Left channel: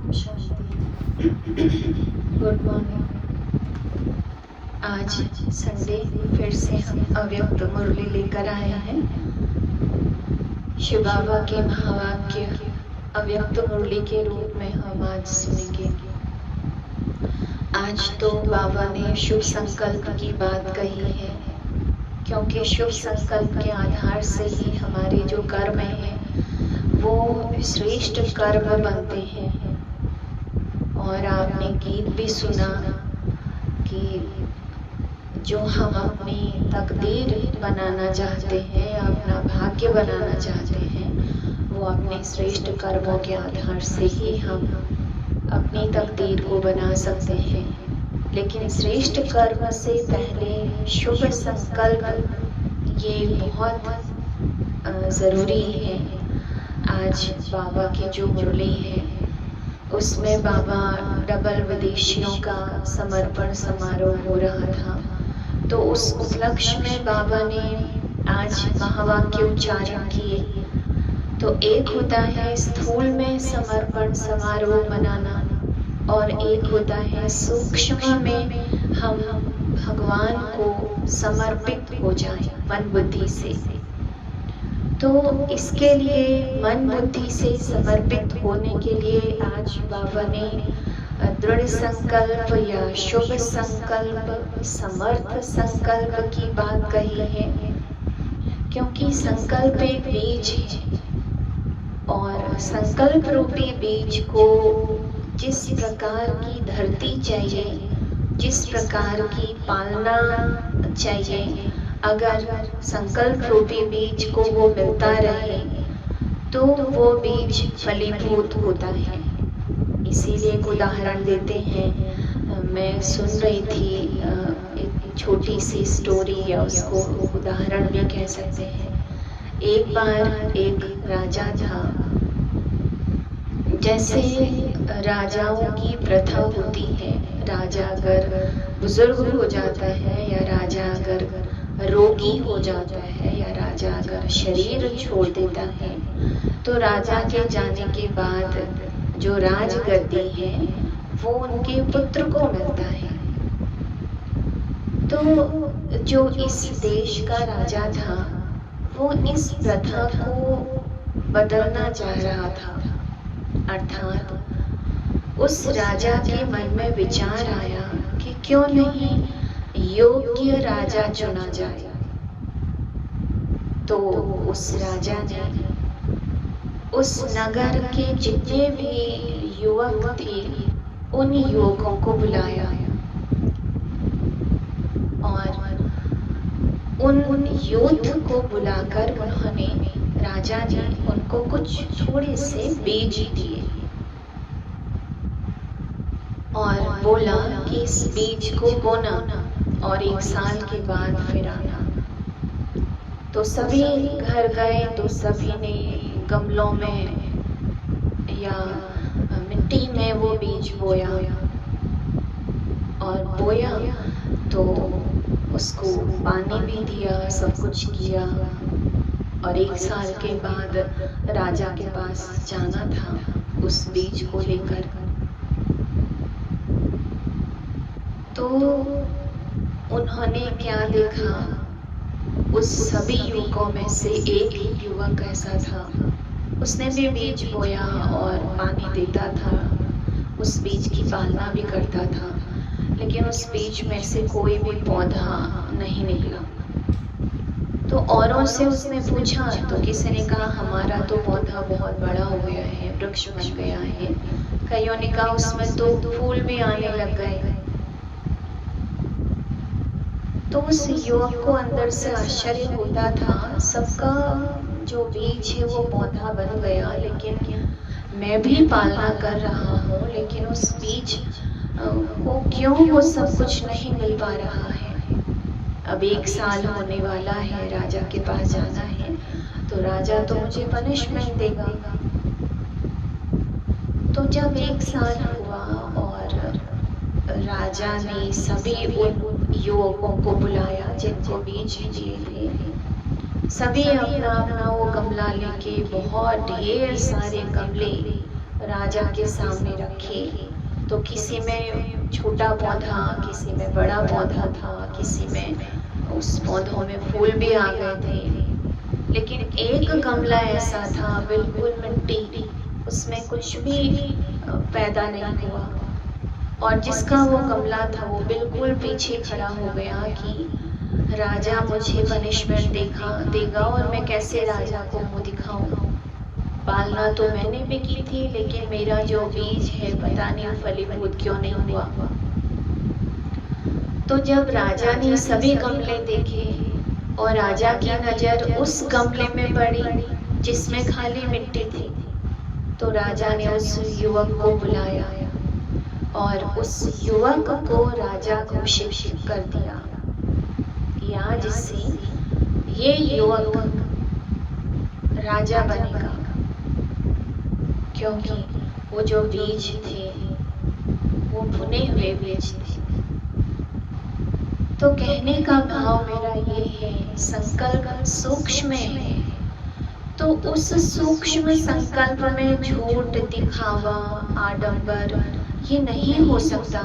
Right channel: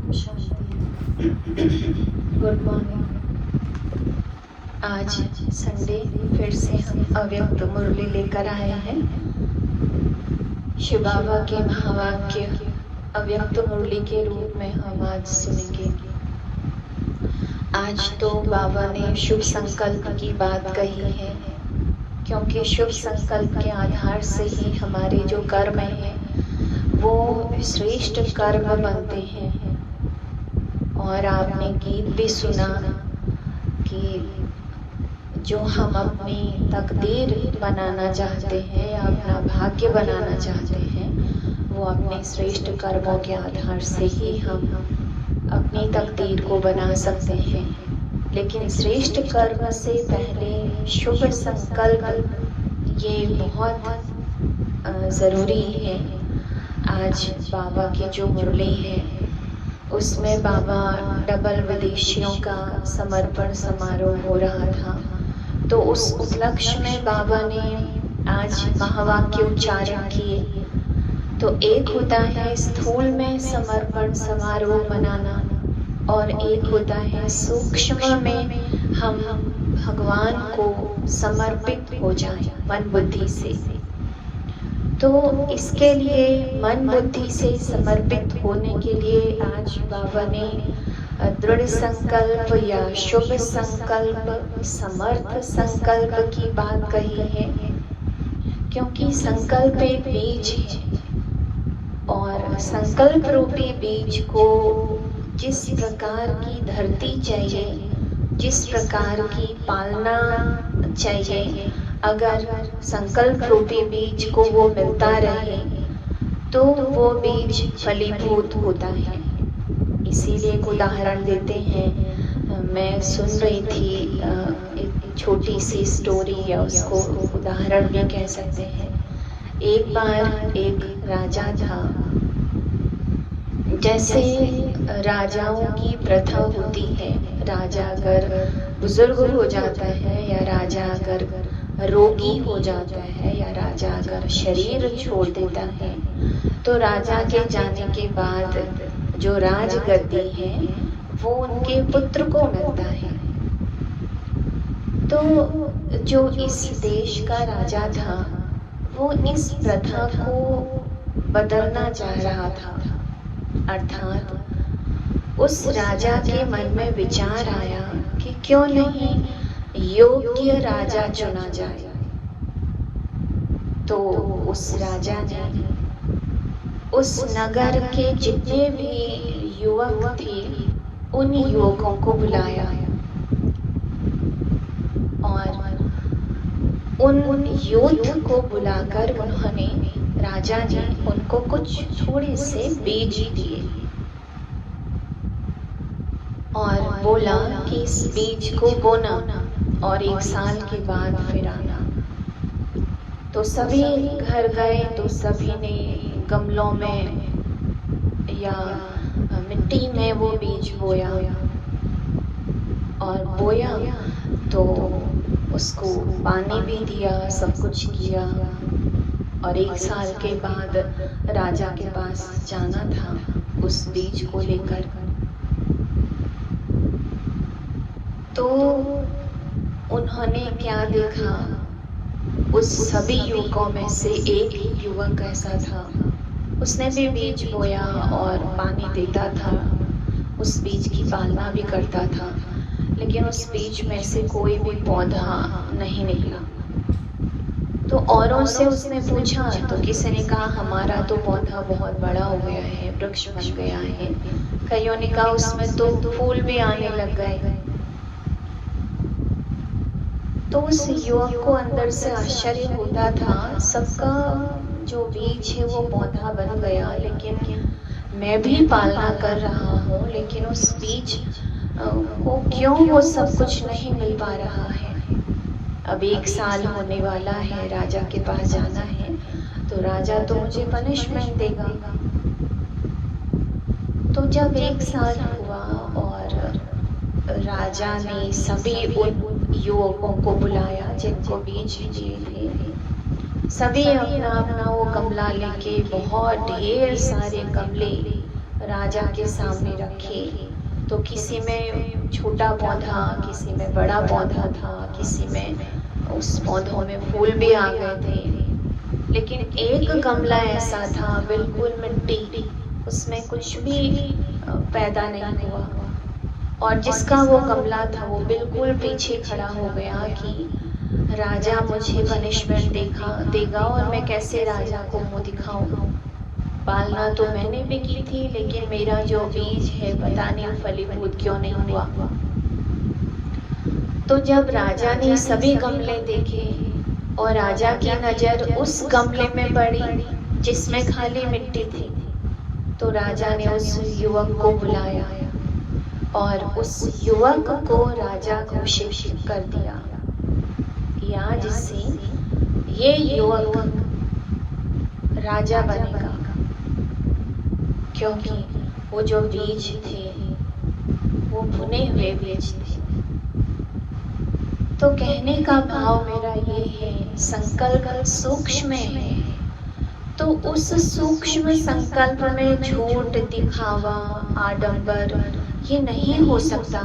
Good morning. आज Sunday फिर से हम अव्यक्त मुरली लेकर आए हैं। शिव बाबा के महावाक्य अव्यक्त मुरली के रूप में हम आज सुनेंगे। आज तो बाबा ने शुभ संकल्प की बात कही है, क्योंकि शुभ संकल्प के आधार से ही हमारे जो कर्म हैं वो श्रेष्ठ कर्म बनते हैं। और आपने गीत भी सुना कि जो हम अपनी तकदीर बनाना चाहते हैं, अपना भाग्य बनाना चाहते हैं, वो अपने श्रेष्ठ कर्मों के आधार से ही हम अपनी तकदीर को बना सकते हैं। लेकिन श्रेष्ठ कर्म से पहले शुभ संकल्प ये बहुत ज़रूरी है। आज बाबा की जो मुरली है उसमें बाबा डबल विदेशियों का समर्पण समारोह हो रहा था, तो उस उपलक्ष्य में बाबा ने आज महावाक्य उच्चारण किए। तो एक होता है स्थूल में समर्पण समारोह मनाना, और एक होता है सूक्ष्म में हम भगवान को समर्पित हो जाएं मन बुद्धि से। तो इसके लिए मन बुद्धि से समर्पित होने के लिए आज बाबा ने दृढ़ संकल्प या शुभ संकल्प, समर्थ संकल्प की बात कही है, क्योंकि संकल्प एक बीज है और संकल्प रूपी बीज को जिस प्रकार की धरती चाहिए, जिस प्रकार की पालना चाहिए, अगर संकल्प रूपी बीज को वो मिलता रहे तो वो बीज फलीभूत होता है। इसीलिए एक उदाहरण देते हैं। मैं सुन रही थी एक छोटी सी स्टोरी, या उसको उदाहरण भी कह सकते हैं। एक बार एक राजा था। जैसे राजाओं की प्रथा होती है, राजा अगर बुजुर्ग हो जाता है, या राजा अगर रोगी हो जाता है, या राजा अगर शरीर छोड़ देता है, तो राजा के जाने के बाद जो राजगद्दी है वो उनके पुत्र को मिलता है। तो जो इस देश का राजा था वो इस प्रथा को बदलना चाह रहा था। अर्थात उस राजा के मन में विचार आया कि क्यों नहीं योग्य राजा चुना जाए। तो उस राजा ने उस नगर के जितने भी युवक थे उन युवकों को बुलाया और उन यूथ को बुलाकर उन्होंने, राजा ने उनको कुछ थोड़े से बीज दिए और बोला कि इस बीज को बोना और 1 साल के बाद फिर आना। तो सभी घर गए, तो सभी ने गमलों में या मिट्टी में वो बीज बोया, और बोया तो उसको पानी भी दिया, सब कुछ किया। और 1 साल के बाद राजा के पास जाना था उस बीज को लेकर। तो उन्होंने क्या देखा, उस सभी युवकों में से एक ही युवक ऐसा था, उसने भी बीज बोया और पानी देता था, उस बीज की पालना भी करता था, लेकिन उस बीज में से कोई भी पौधा नहीं निकला। तो औरों से उसने पूछा, तो किसी ने कहा हमारा तो पौधा बहुत बड़ा हो गया है, वृक्ष बन गया है। कईयों ने कहा उसमें तो फूल भी आने लग गए। तो उस युवक को अंदर से आश्चर्य होता था, सबका जो बीज है वो पौधा बन गया, लेकिन मैं भी पालना कर रहा हूँ, लेकिन उस बीज को क्यों वो सब कुछ नहीं मिल पा रहा है। अब 1 साल होने वाला है, राजा के पास जाना है, तो राजा तो मुझे पनिशमेंट देगा। तो जब 1 साल हुआ और राजा ने सभी उन युवकों को बुलाया जिनको बीज दिए थे, सभी अपना अपना वो गमला लेके, बहुत ढेर सारे गमले राजा के सामने रखे। तो किसी में छोटा पौधा, किसी में बड़ा पौधा था, किसी में उस पौधों में फूल भी आ गए थे, लेकिन एक गमला ऐसा था बिल्कुल मिट्टी, उसमें कुछ भी पैदा नहीं हुआ। और जिसका वो गमला था वो बिल्कुल पीछे खड़ा हो गया कि राजा मुझे पनिशमेंट देगा और मैं कैसे राजा को मुंह दिखाऊं। पालना तो मैंने भी की थी, लेकिन मेरा जो बीज है पता नहीं फलीभूत क्यों नहीं हुआ। तो जब राजा ने सभी गमले देखे और राजा की नजर उस गमले में पड़ी जिसमें खाली मिट्टी थी, तो राजा ने उस युवक को बुलाया और उस युवक को राजा घोषित कर दिया कि आज से ये युवक राजा बनेगा, क्योंकि वो जो बीज थे वो भुने हुए बीज थे। तो कहने का भाव मेरा ये है, संकल्प सूक्ष्म है, तो उस सूक्ष्म संकल्प में झूठ, दिखावा, आडंबर ये नहीं हो सकता।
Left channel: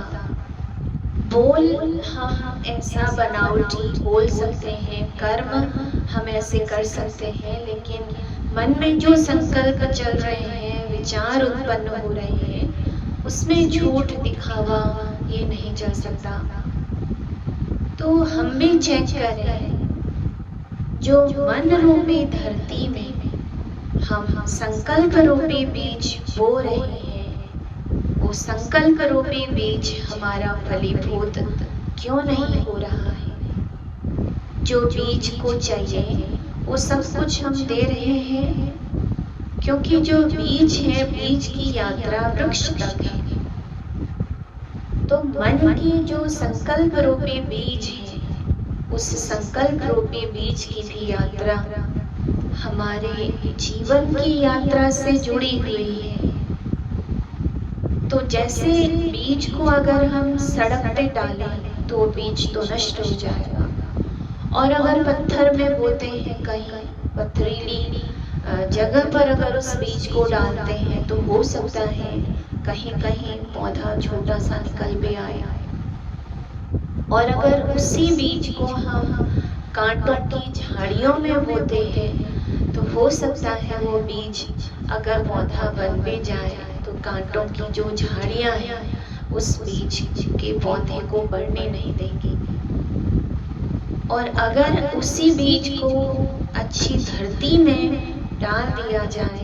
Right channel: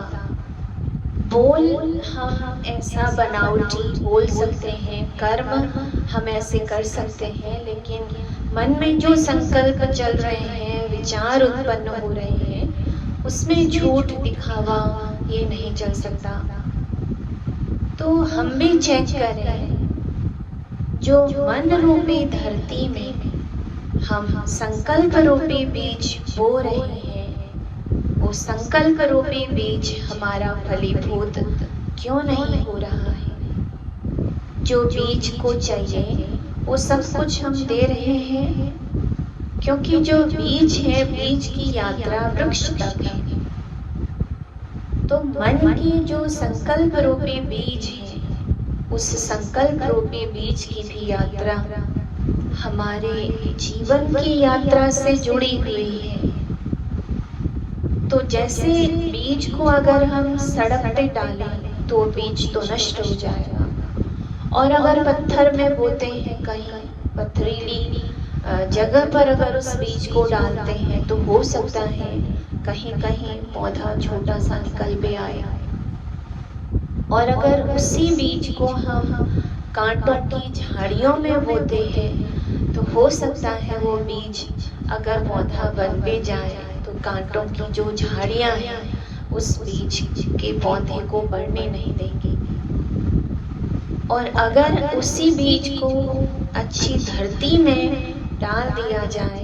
बोल हम ऐसा बनावटी बोल सकते हैं, कर्म हम ऐसे कर सकते हैं, लेकिन मन में जो संकल्प चल रहे हैं, विचार उत्पन्न हो रहे हैं, उसमें झूठ, दिखावा ये नहीं चल सकता। तो हम भी चेक करें, जो मन रूपी धरती में हम संकल्प रूपी बीज बो रहे हैं, वो संकल्प रूपी बीज हमारा फलीभूत क्यों नहीं हो रहा है। जो बीज को चाहिए वो सब कुछ हम दे रहे हैं, क्योंकि जो बीज है, बीज की यात्रा वृक्ष तक है। तो मन की जो संकल्प रूपी बीज है, उस संकल्प रूपी बीज की भी यात्रा हमारे जीवन की यात्रा से जुड़ी हुई है। तो जैसे बीज को अगर हम सड़क पे डालें तो बीज तो नष्ट हो जाएगा, और अगर पत्थर में बोते हैं, कहीं पथरीली जगह पर अगर उस बीज को डालते हैं तो हो सकता है कहीं कहीं पौधा छोटा सा निकल भी आए। और अगर उसी बीज को हम कांटों की झाड़ियों में बोते हैं तो हो सकता है वो बीज अगर पौधा बन भी जाए तो कांटों की जो झाड़ियां हैं उस बीज के पौधे को बढ़ने नहीं देंगी। और अगर उसी बीज को अच्छी धरती में डाल दिया जाए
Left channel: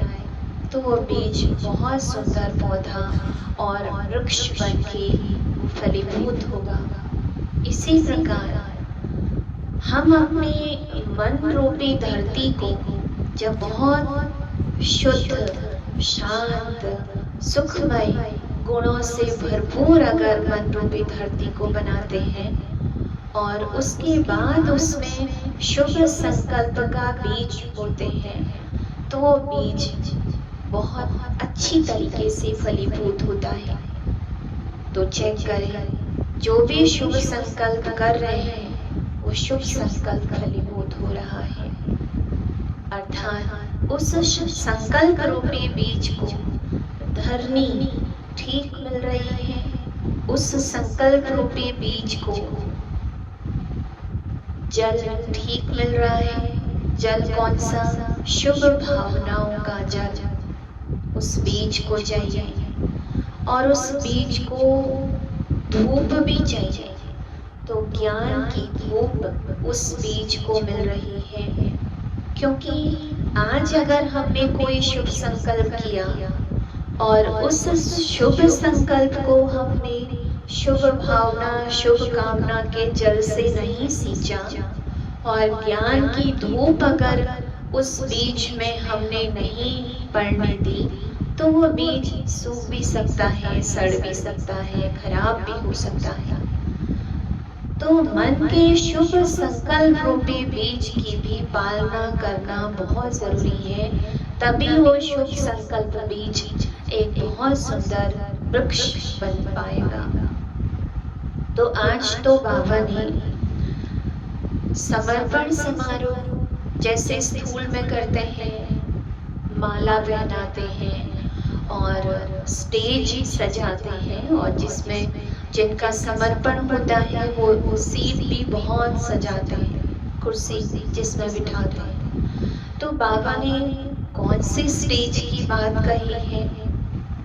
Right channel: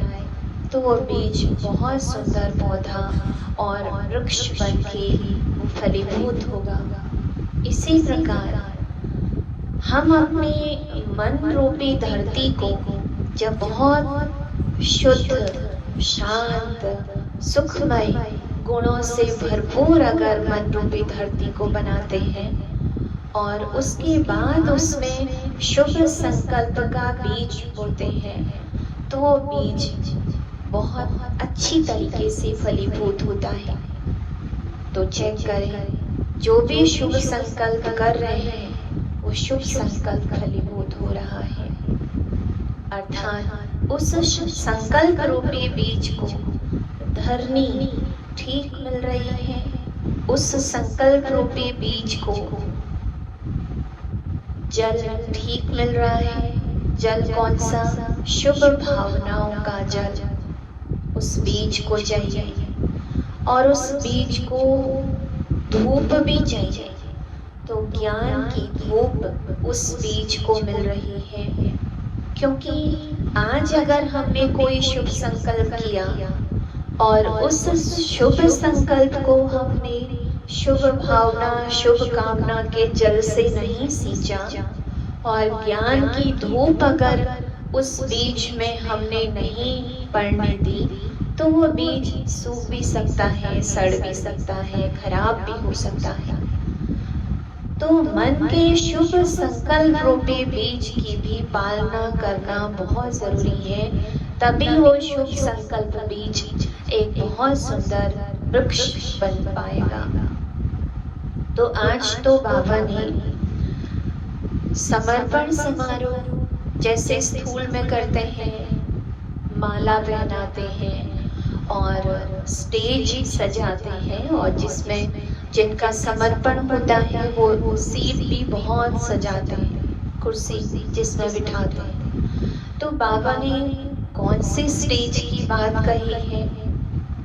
तो वो बीज बहुत सुंदर पौधा और वृक्ष बन के फलीभूत होगा। इसी प्रकार हम अपनी मन रूपी धरती को जब बहुत शुद्ध, शांत, सुखमय गुणों से भरपूर अगर मन रूपी धरती को बनाते हैं और उसके बाद उसमें शुभ संकल्प का बीज बोते हैं, तो वो बीज बहुत अच्छी तरीके से फलीभूत होता है। तो चेक करें, जो भी शुभ संकल्प कर रहे हैं वो शुभ संकल्प फलीभूत हो रहा है। अर्थात उस संकल्प रूपी बीज को धरनी ठीक मिल रही है, उस संकल्प रूपी बीज को जल ठीक मिल रहा है। जल कौन सा? शुभ भावनाओं का जल उस बीज को चाहिए, और उस बीज को धूप भी चाहिए। तो ज्ञान की धूप उस बीज को मिल रही है, क्योंकि आज अगर हमने कोई शुभ संकल्प किया और उस शुभ संकल्प को हमने शुभ भावना, शुभ कामना के जल से नहीं सींचा और ज्ञान की धूप अगर उस बीज में हमने नहीं पड़ने दी, तो वो बीज सूख भी सकता है, सड़ भी सकता है, खराब भी हो सकता है। तो मन के शुभ संकल्प रूपी बीज की भी पालना करना बहुत जरूरी है, तभी वो शुभ संकल्प बीज एक बहुत सुंदर वृक्ष बन पाएगा। तो आज तो बाबा ने समर्पण समारोह जैसे स्थूल में करते हैं, माला पहनाते हैं और स्टेज सजाते हैं और जिसमें जिनका समर्पण होता है वो सीट भी बहुत सजाते हैं, कुर्सी जिसमें बिठाते हैं। तो बाबा ने कौन सी स्टेज की बात कही है,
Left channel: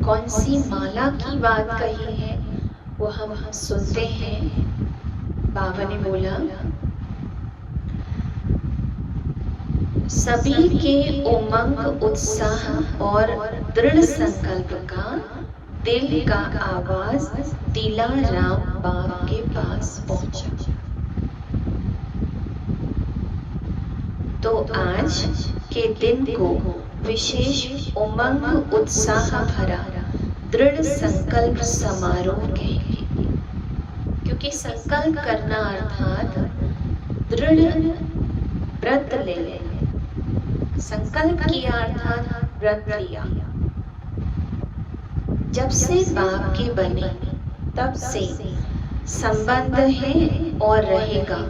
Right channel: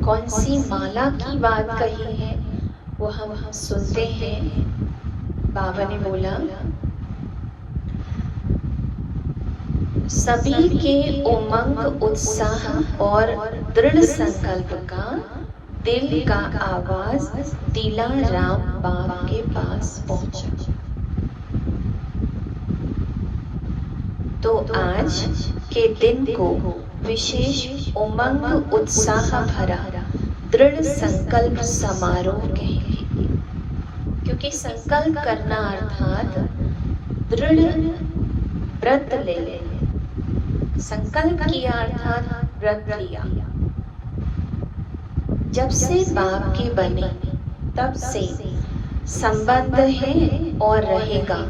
कौन सी माला की बात कही है, वो हम सुनते हैं। बाबा ने बोला, सभी के उमंग, उत्साह और दृढ़ संकल्प का दिल का आवाज दिलाराम बाप के पास पहुंचा। तो आज के दिन को विशेष उमंग, उत्साह भरा दृढ़ संकल्प समारोह कहेंगे, क्योंकि संकल्प करना अर्थात दृढ़ व्रत ले लेना। संकल्प किया अर्थात व्रत लिया। जब से बाप के बने तब से संबंध है और रहेगा,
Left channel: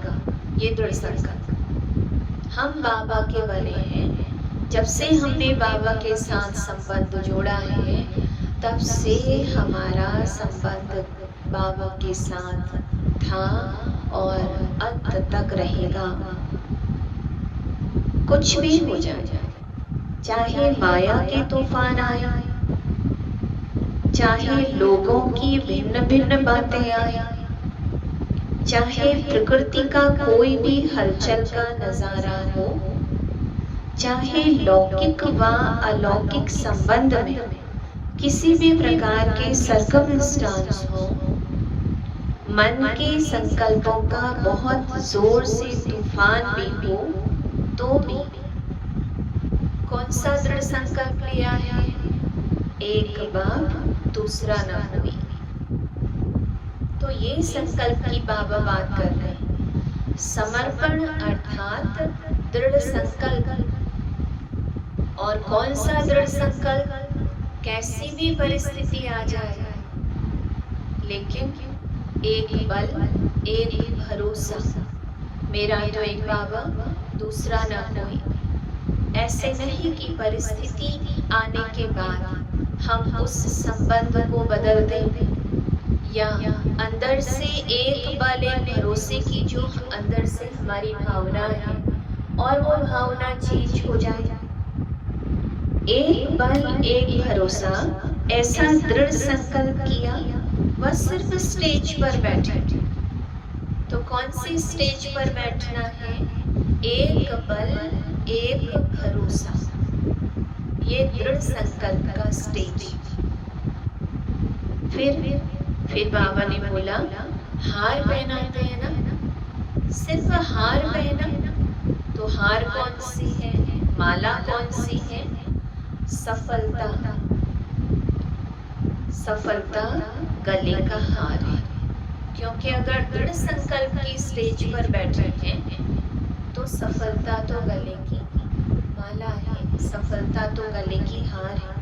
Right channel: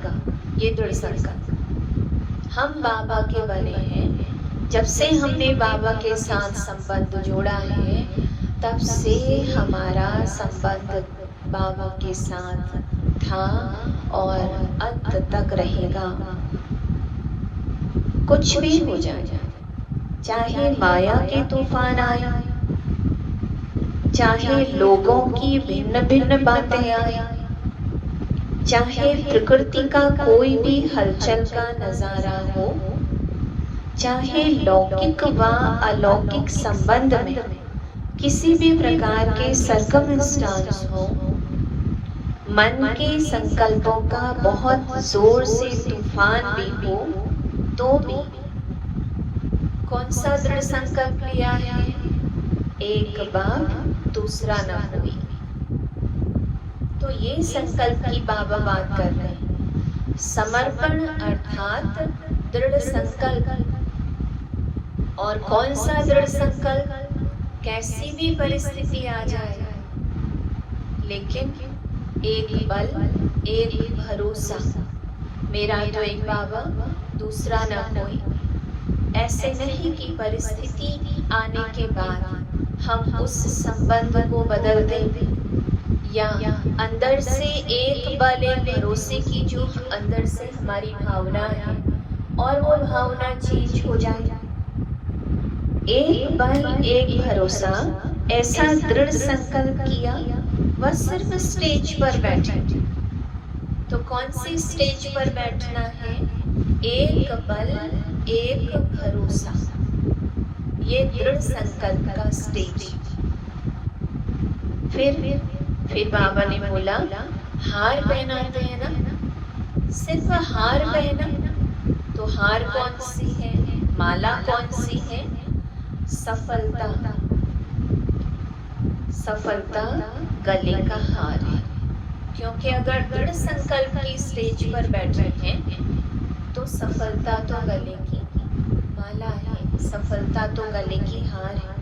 ये दृढ़ संकल्प। हम बाबा के बने हैं, जब से हमने बाबा के साथ संबंध जोड़ा है तब से हमारा संबंध बाबा के साथ था और अंत तक रहेगा। कुछ भी हो जाए, चाहे माया के तूफान आए, चाहे लोगों की भिन्न भिन्न बातें आए, चाहे प्रकृति का कोई भी हलचल का नजारा हो, चाहे लौकिक व अलौकिक संबंध में किसी भी प्रकार के सरकमस्टांस हो, मन के संकल्पों का बहुत जोर से तूफान भी हो, तो भी कौन सा दृढ़ संकल्प लिया है? एक बाप दूसरा न कोई। तो ये संकल्प की बाबा बात कर रहे हैं। समर्पण अर्थात दृढ़ संकल्प। और कौन सा दृढ़ संकल्प? कैसी भी परिस्थिति आ जाए, लेकिन एक बल, एक भरोसा, मेरा तो एक बाबा दूसरा ना कोई। ऐसे नहीं कि परिस्थिति आने के बाद हम उस संबंध को बदल दें, या अंदर से एक बल, एक भरोसे की जो अंदर से हमारी भावना है और वो भावना चेंज हो जाए। एक बल, एक भरोसा, ऐसा दृढ़ संकल्प किया, वह सिर्फ स्टेज पर बैठे। तो कौन सी स्टेज पर बैठना है? एक बल, एक भरोसा, ये दृढ़ संकल्प का स्टेज। फिर बाबा ने बोला, हार पहनाते हैं ना, सिर्फ हार पहना। तो हार कौन सी है? माला कौन सी है? सफलता। सफलता गले का हार है, क्योंकि अगर दृढ़ संकल्प की स्टेज पर बैठे हैं तो सफलता तो गले की माला है, सफलता तो गले की हार है।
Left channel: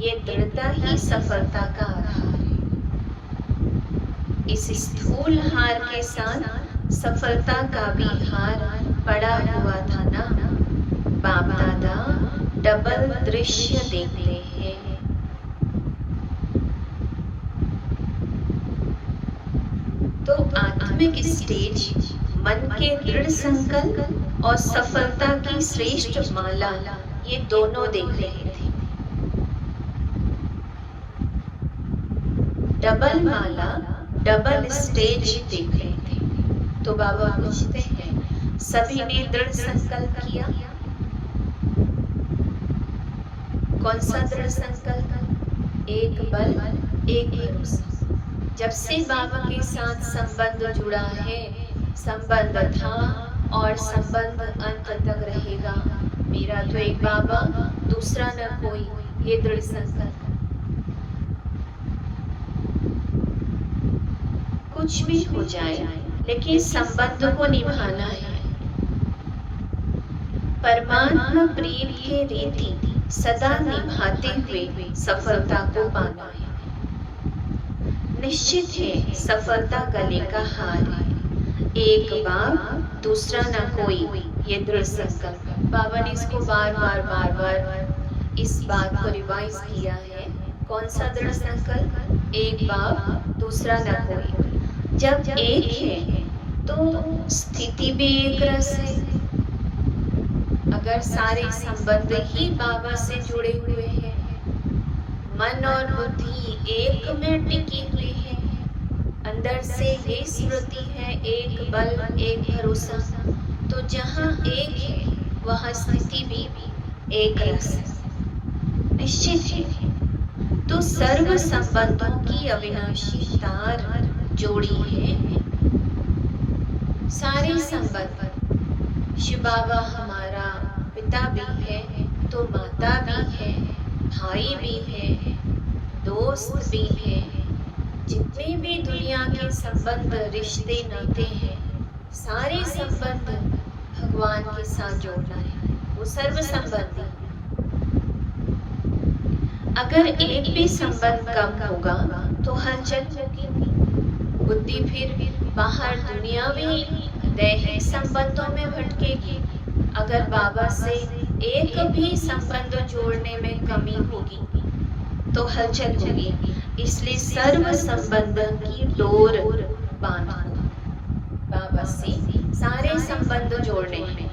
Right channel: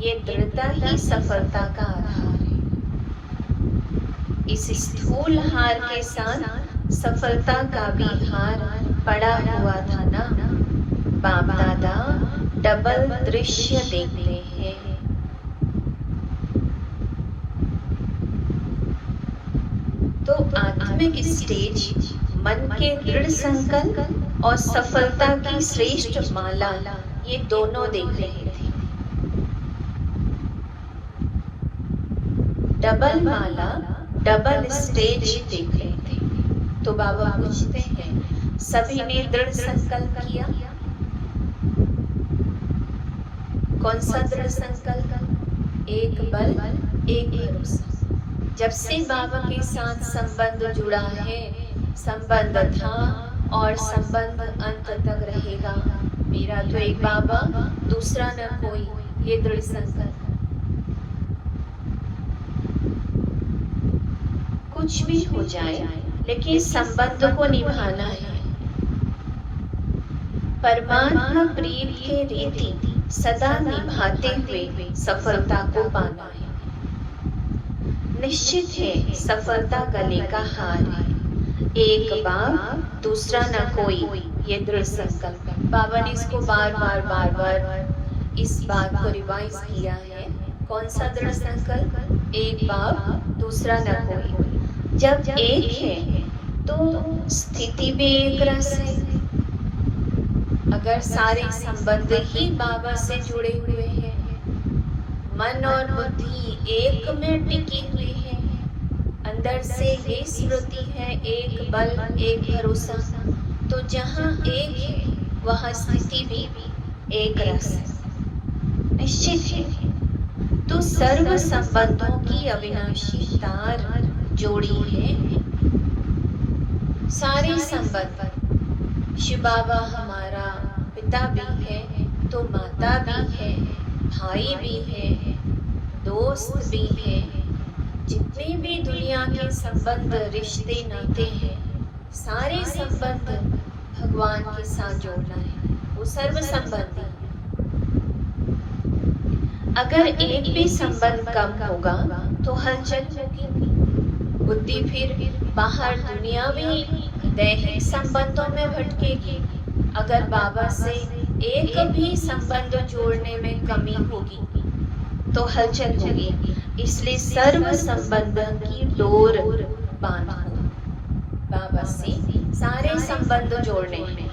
ये दृढ़ता ही सफलता का आधार है। इस स्थूल हार के साथ सफलता का भी हार पड़ा हुआ था ना। बाप दादा डबल दृश्य देखते हैं। तो आत्मिक स्टेज मन के दृढ़ संकल्प और सफलता की श्रेष्ठ माला, ये दोनों देख रहे थे। डबल माला, डबल स्टेज देख रहे थे। तो बाबा पूछते हैं, सभी ने दृढ़ संकल्प किया? कौन सा दृढ़ संकल्प? एक बल, एक भरोसा। जब से बाबा के साथ संबंध जुड़ा है, संबंध था और संबंध अंत तक रहेगा। मेरा तो एक बाबा, दूसरा न कोई, ये दृढ़ संकल्प। कुछ भी हो जाए, लेकिन संबंध को निभाना है। परमात्मा प्रेम के रीति सदा निभाते हुए सफलता को पाना है। निश्चित है सफलता गले का हार है। एक बाप, दूसरा न कोई, ये दृढ़ संकल्प। बाबा ने इसको बार बार इस बात को रिवाइज किया है। कौन सा दृढ़ संकल्प? एक बाप दूसरा न कोई। जब एक है तो स्थिति भी एक रस है। अगर सारे संबंध ही बाबा से जुड़े हुए हैं, मन और बुद्धि एक में टिकी हुई है, अंदर से ये स्मृति है, एक बल एक भरोसा, तो जहाँ एक है वहाँ स्थिति भी एक रस निश्चित है। तो सर्व संबंधों की अविनाशी तार जोड़ी है। सारे संबंध, शिव बाबा हमारा पिता भी है तो माता भी है, भाई भी है, दोस्त भी है। जितने भी दुनिया के संबंध रिश्ते नाते हैं, सारे संबंध भगवान के साथ जोड़ना है। वो सर्व संबंधी। अगर एक भी संबंध कम होगा तो हलचल होगी। बुद्धि फिर बाहर दुनियावी दैहिक संबंधों में भटकेगी। अगर बाबा से एक भी संबंध जोड़ने में कमी होगी तो हलचल होगी। इसलिए सर्व संबंध की डोर बांधो। बाबा से सारे संबंध जोड़ने में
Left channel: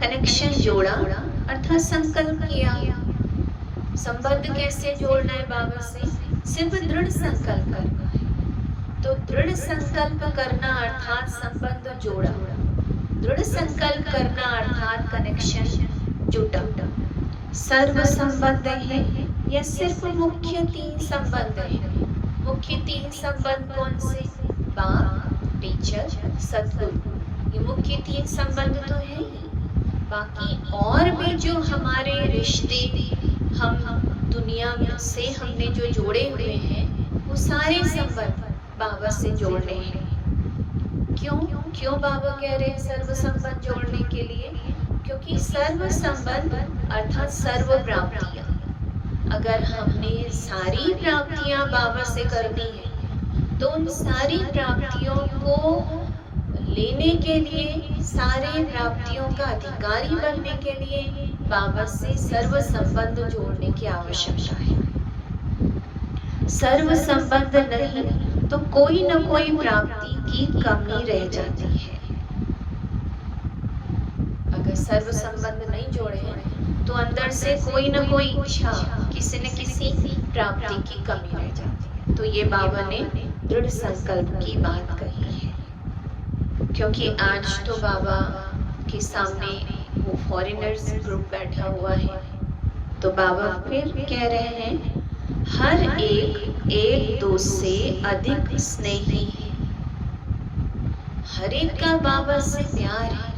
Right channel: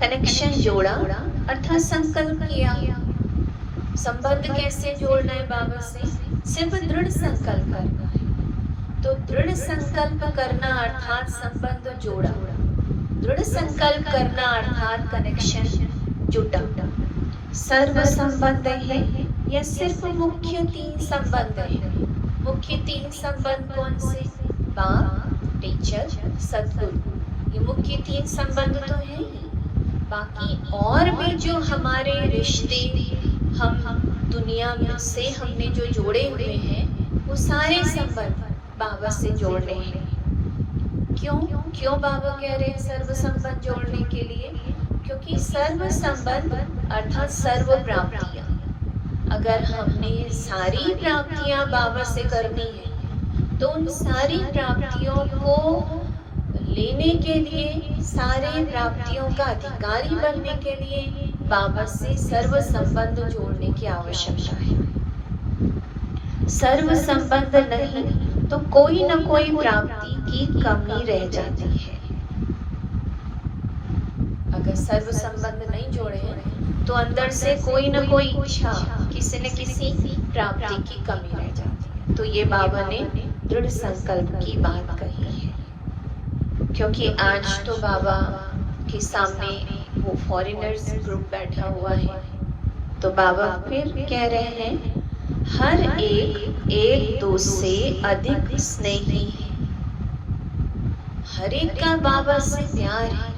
कनेक्शन जोड़ा अर्थात संकल्प किया। संबंध कैसे जोड़ना है बाबा से? सिर्फ दृढ़ संकल्प करना है। तो दृढ़ संकल्प करना अर्थात संबंध जोड़ा, दृढ़ संकल्प करना अर्थात कनेक्शन जुटा। सर्व संबंध है या सिर्फ मुख्य 3 संबंध है? मुख्य 3 संबंध कौन से? बाप, टीचर, सद्गुरु। ये मुख्य 3 संबंध तो है ही। बाकी और भी जो हमारे रिश्ते हम दुनिया में से हमने जो जोड़े हुए हैं, वो सारे संबंध बाबा से जोड़ने हैं। क्यों बाबा कह रहे हैं सर्व संबंध जोड़ने के लिए? क्योंकि सर्व संबंध अर्थात सर्व प्राप्तियां। अगर हमने सारी प्राप्तियां बाबा से करनी है तो उन सारी प्राप्तियों को लेने के लिए, सारी प्राप्तियों का अधिकारी बनने के लिए बाबा से सर्व संबंध जोड़ने की आवश्यकता है। सर्व संबंध नहीं तो कोई न कोई प्राप्ति की कमी रह जाती है। अगर सर्व संबंध नहीं जोड़े हैं तो अंदर से कोई न कोई इच्छा, किसी न किसी प्राप्ति की कमी रह जाती है। तो ये बाबा ने दृढ़ संकल्प की बात कही है। क्योंकि आज तो बाबा के सामने वो फॉरेनर्स ग्रुप बैठा हुआ है, तो बाबा फिर कह रहे हैं हर एक दोस्त से अधिक स्नेही है। हर एक का बाबा से प्यार है।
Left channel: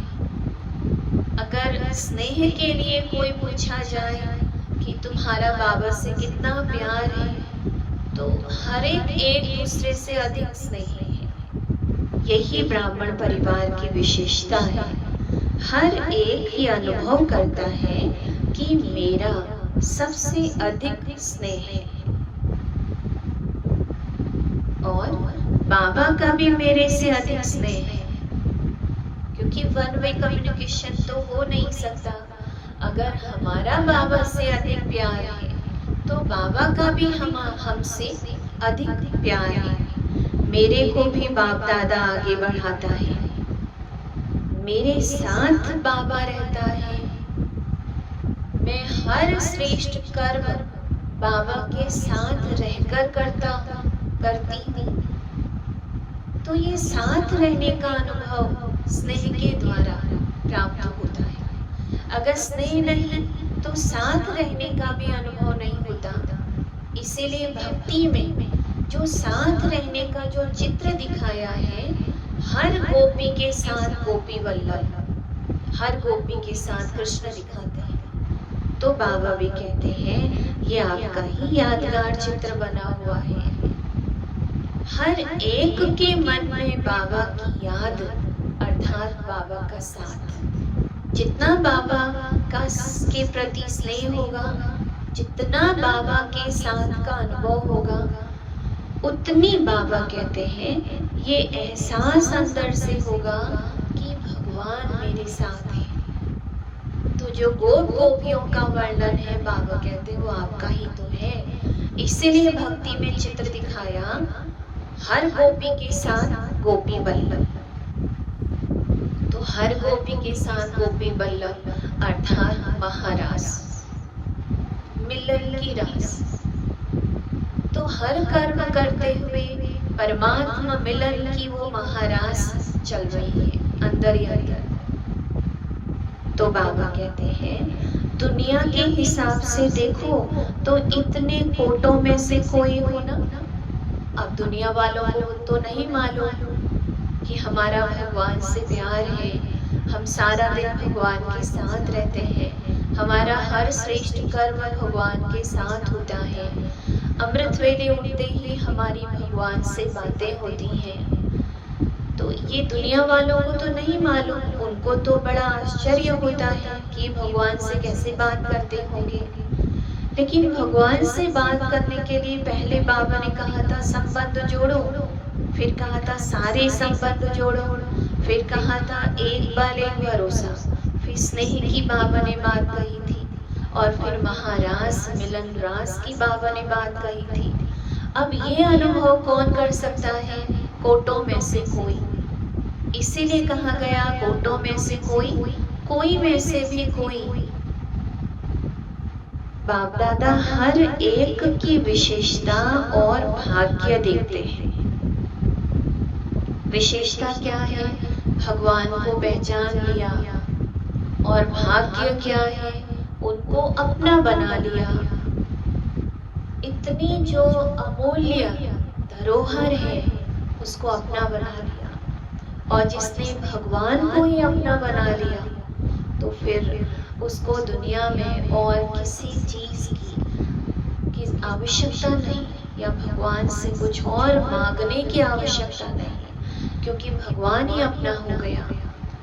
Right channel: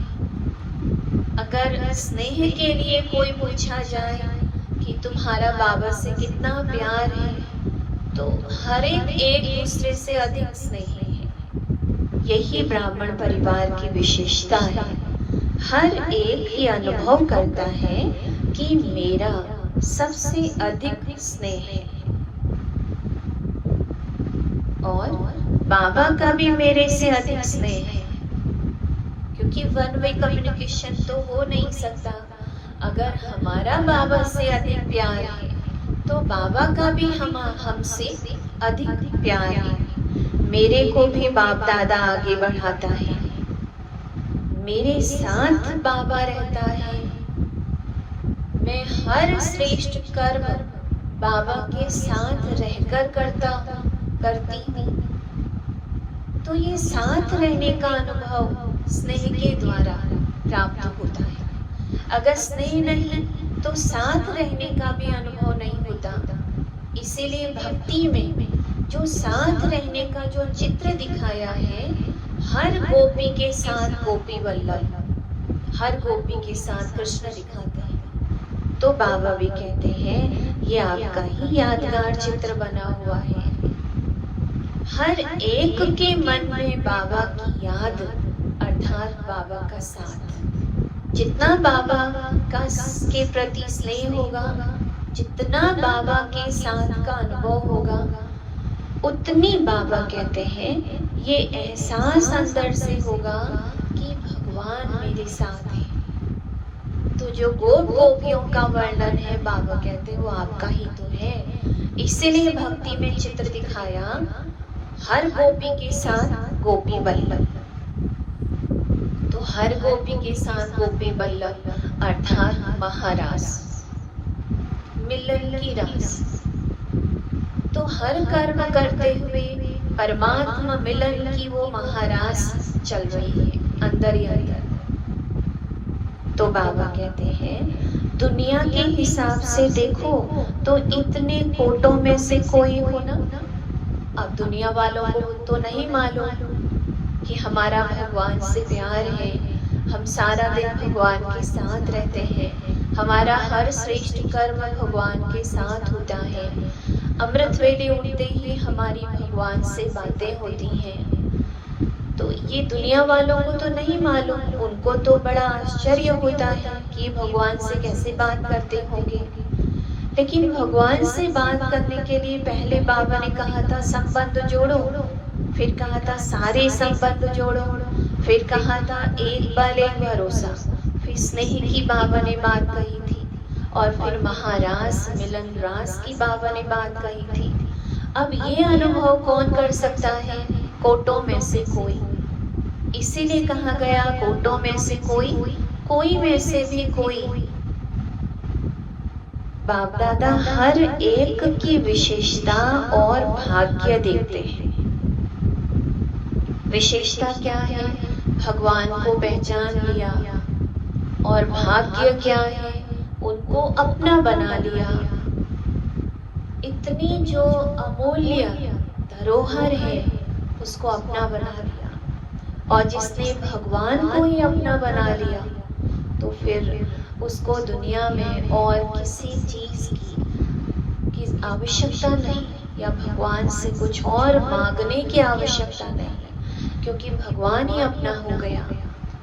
अगर स्नेह के लिए कोई पूछा जाए कि तुम्हारा बाबा से कितना प्यार है, तो हर एक दूसरे से अधिक स्नेही है। यही ब्राह्मण परिवार की विशेषता है। हर एक ये अनुभव करता है कि मेरा सबसे अधिक स्नेह है और बाबा का भी मेरे से अधिक स्नेह है। क्योंकि वन वे कम्युनिकेशन तो हो नहीं सकता। अगर हमारा बाबा से अधिक प्यार है तो बाबा का भी हमसे अधिक प्यार है। मेरे को भी बाप दादा आगे बढ़ाता है, मेरे साथ बाबा रहता है। मैं हर श्रेष्ठ कर्म बाबा के साथ रहकर करती हूँ। तो ये साथ रहने का अनुभव स्नेह के द्वारा प्राप्त होता है। अगर स्नेह नहीं तो साथ रहने का भी अनुभव नहीं होता। इसीलिए भक्ति में जो साथ रहने का जो चित्र दिखाया है, हर गोपी के साथ गोपी वल्लभ, हर गोपी के साथ कृष्ण दिखाते हैं। तो बाबा भी कहते हैं ये आपका ही यादगार चित्र बना हुआ है। हर एक के मन में बाबा की याद अर्थात बाबा का साथ। जितना बाबा का के प्रति स्नेह होगा, जितना बाबा के साथ का अनुभव होगा, उतनी बाबा कहते हैं ये एहसास अंदर से होगा कि भगवान मेरे साथ है। तो जो गोप गोपियों का वर्णन है बाबा कहते वो आपका ही तो है। इसीलिए भक्ति में चित्र दिखाया हर गोपी के साथ गोपी बल्लभ। तो हर गोपी के साथ गोपी बल्लभ अर्थात महारास, मिलन की रास। तो हर कर्म करते हुए परमात्मा मिलन की वो महारास चल रही है अंदर ही अंदर। तो बाबा कहते हैं दुनिया के हिसाब से देखो तो इतने कोटों में से कोई हो ना। अब दुनिया वालों को तो नहीं मालूम कि हमारा भगवान से प्यार है, हम सारा दिन भगवान के साथ रहते हैं, हमारा हर श्रेष्ठ कर्म भगवान के साथ होता है, अमृत वेले उठते ही हमारी भगवान से बातें होती हैं। तो ये दुनिया वालों को तो नहीं मालूम, उनको तो बड़ा आश्चर्य होता है कि भगवान से कैसे बात करते होंगे। लेकिन भगवान से बात करने के लिए पहले बाबा ने कहा था संबंध जोड़ो, फिर कहा था सारे संबंध जोड़ो, फिर कहा था एक बल एक भरोसा, फिर स्नेह की बाबा ने बात कही थी, और फिर महारास मिलन रास की बाबा ने बात कही थी। अब ये अनुभव कौन कर सकता है? कोटों में से कोई। इसीलिए कहा गया कोटों में से कोई, कोई में से भी कोई। बाप दादा हर एक की विशेषता और भाग्य देते हैं। विशेषता क्या है? भगवान को पहचान लिया, और भाग्य क्या है? उनको अपना बना लिया। इतनी जो अमूल्य धरोहर है उसको अपना बना लिया, और जिसने भगवान को ही अपना बना लिया तो फिर उसको दुनिया में और किसी चीज की आवश्यकता नहीं, या भगवान से कुछ और मांगने की आवश्यकता नहीं, क्योंकि भगवान ही अपना हो गया।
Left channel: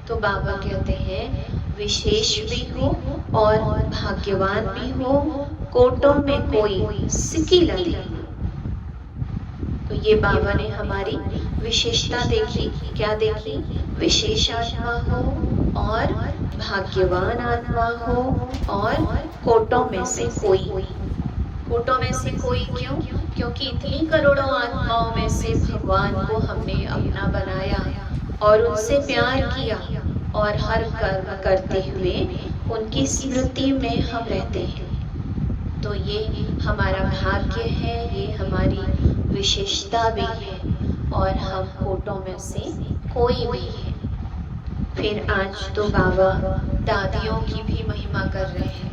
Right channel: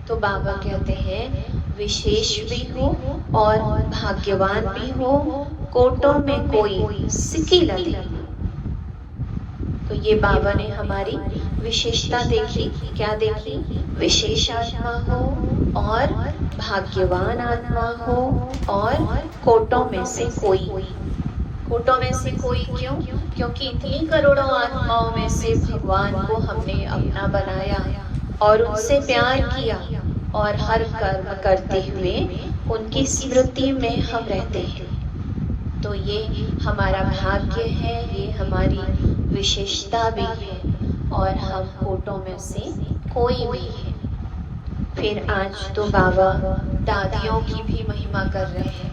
तो बाबा कहते हैं विशेष भी हो और भाग्यवान भी हो, कोटों में कोई सिकी लगी। तो ये बाबा ने हमारी विशेषता देखी। क्या देखी? विशेष आत्मा हो और भाग्यवान आत्मा हो, और कोटों में से कोई। कोटों में से कोई क्यों? क्योंकि इतनी करोड़ों आत्माओं में से भगवान को हमने अपना बनाया और उनसे प्यार किया, और हर कर्म करते हुए उनकी स्मृति में हम रहते हैं। तो ये हमारा भाग्य है, ये हमारी विशेषता भी है, और हम कोटों में से कोई भी है। फिर आज तो बाबा दादियों की भी महिमा कर रहे हैं,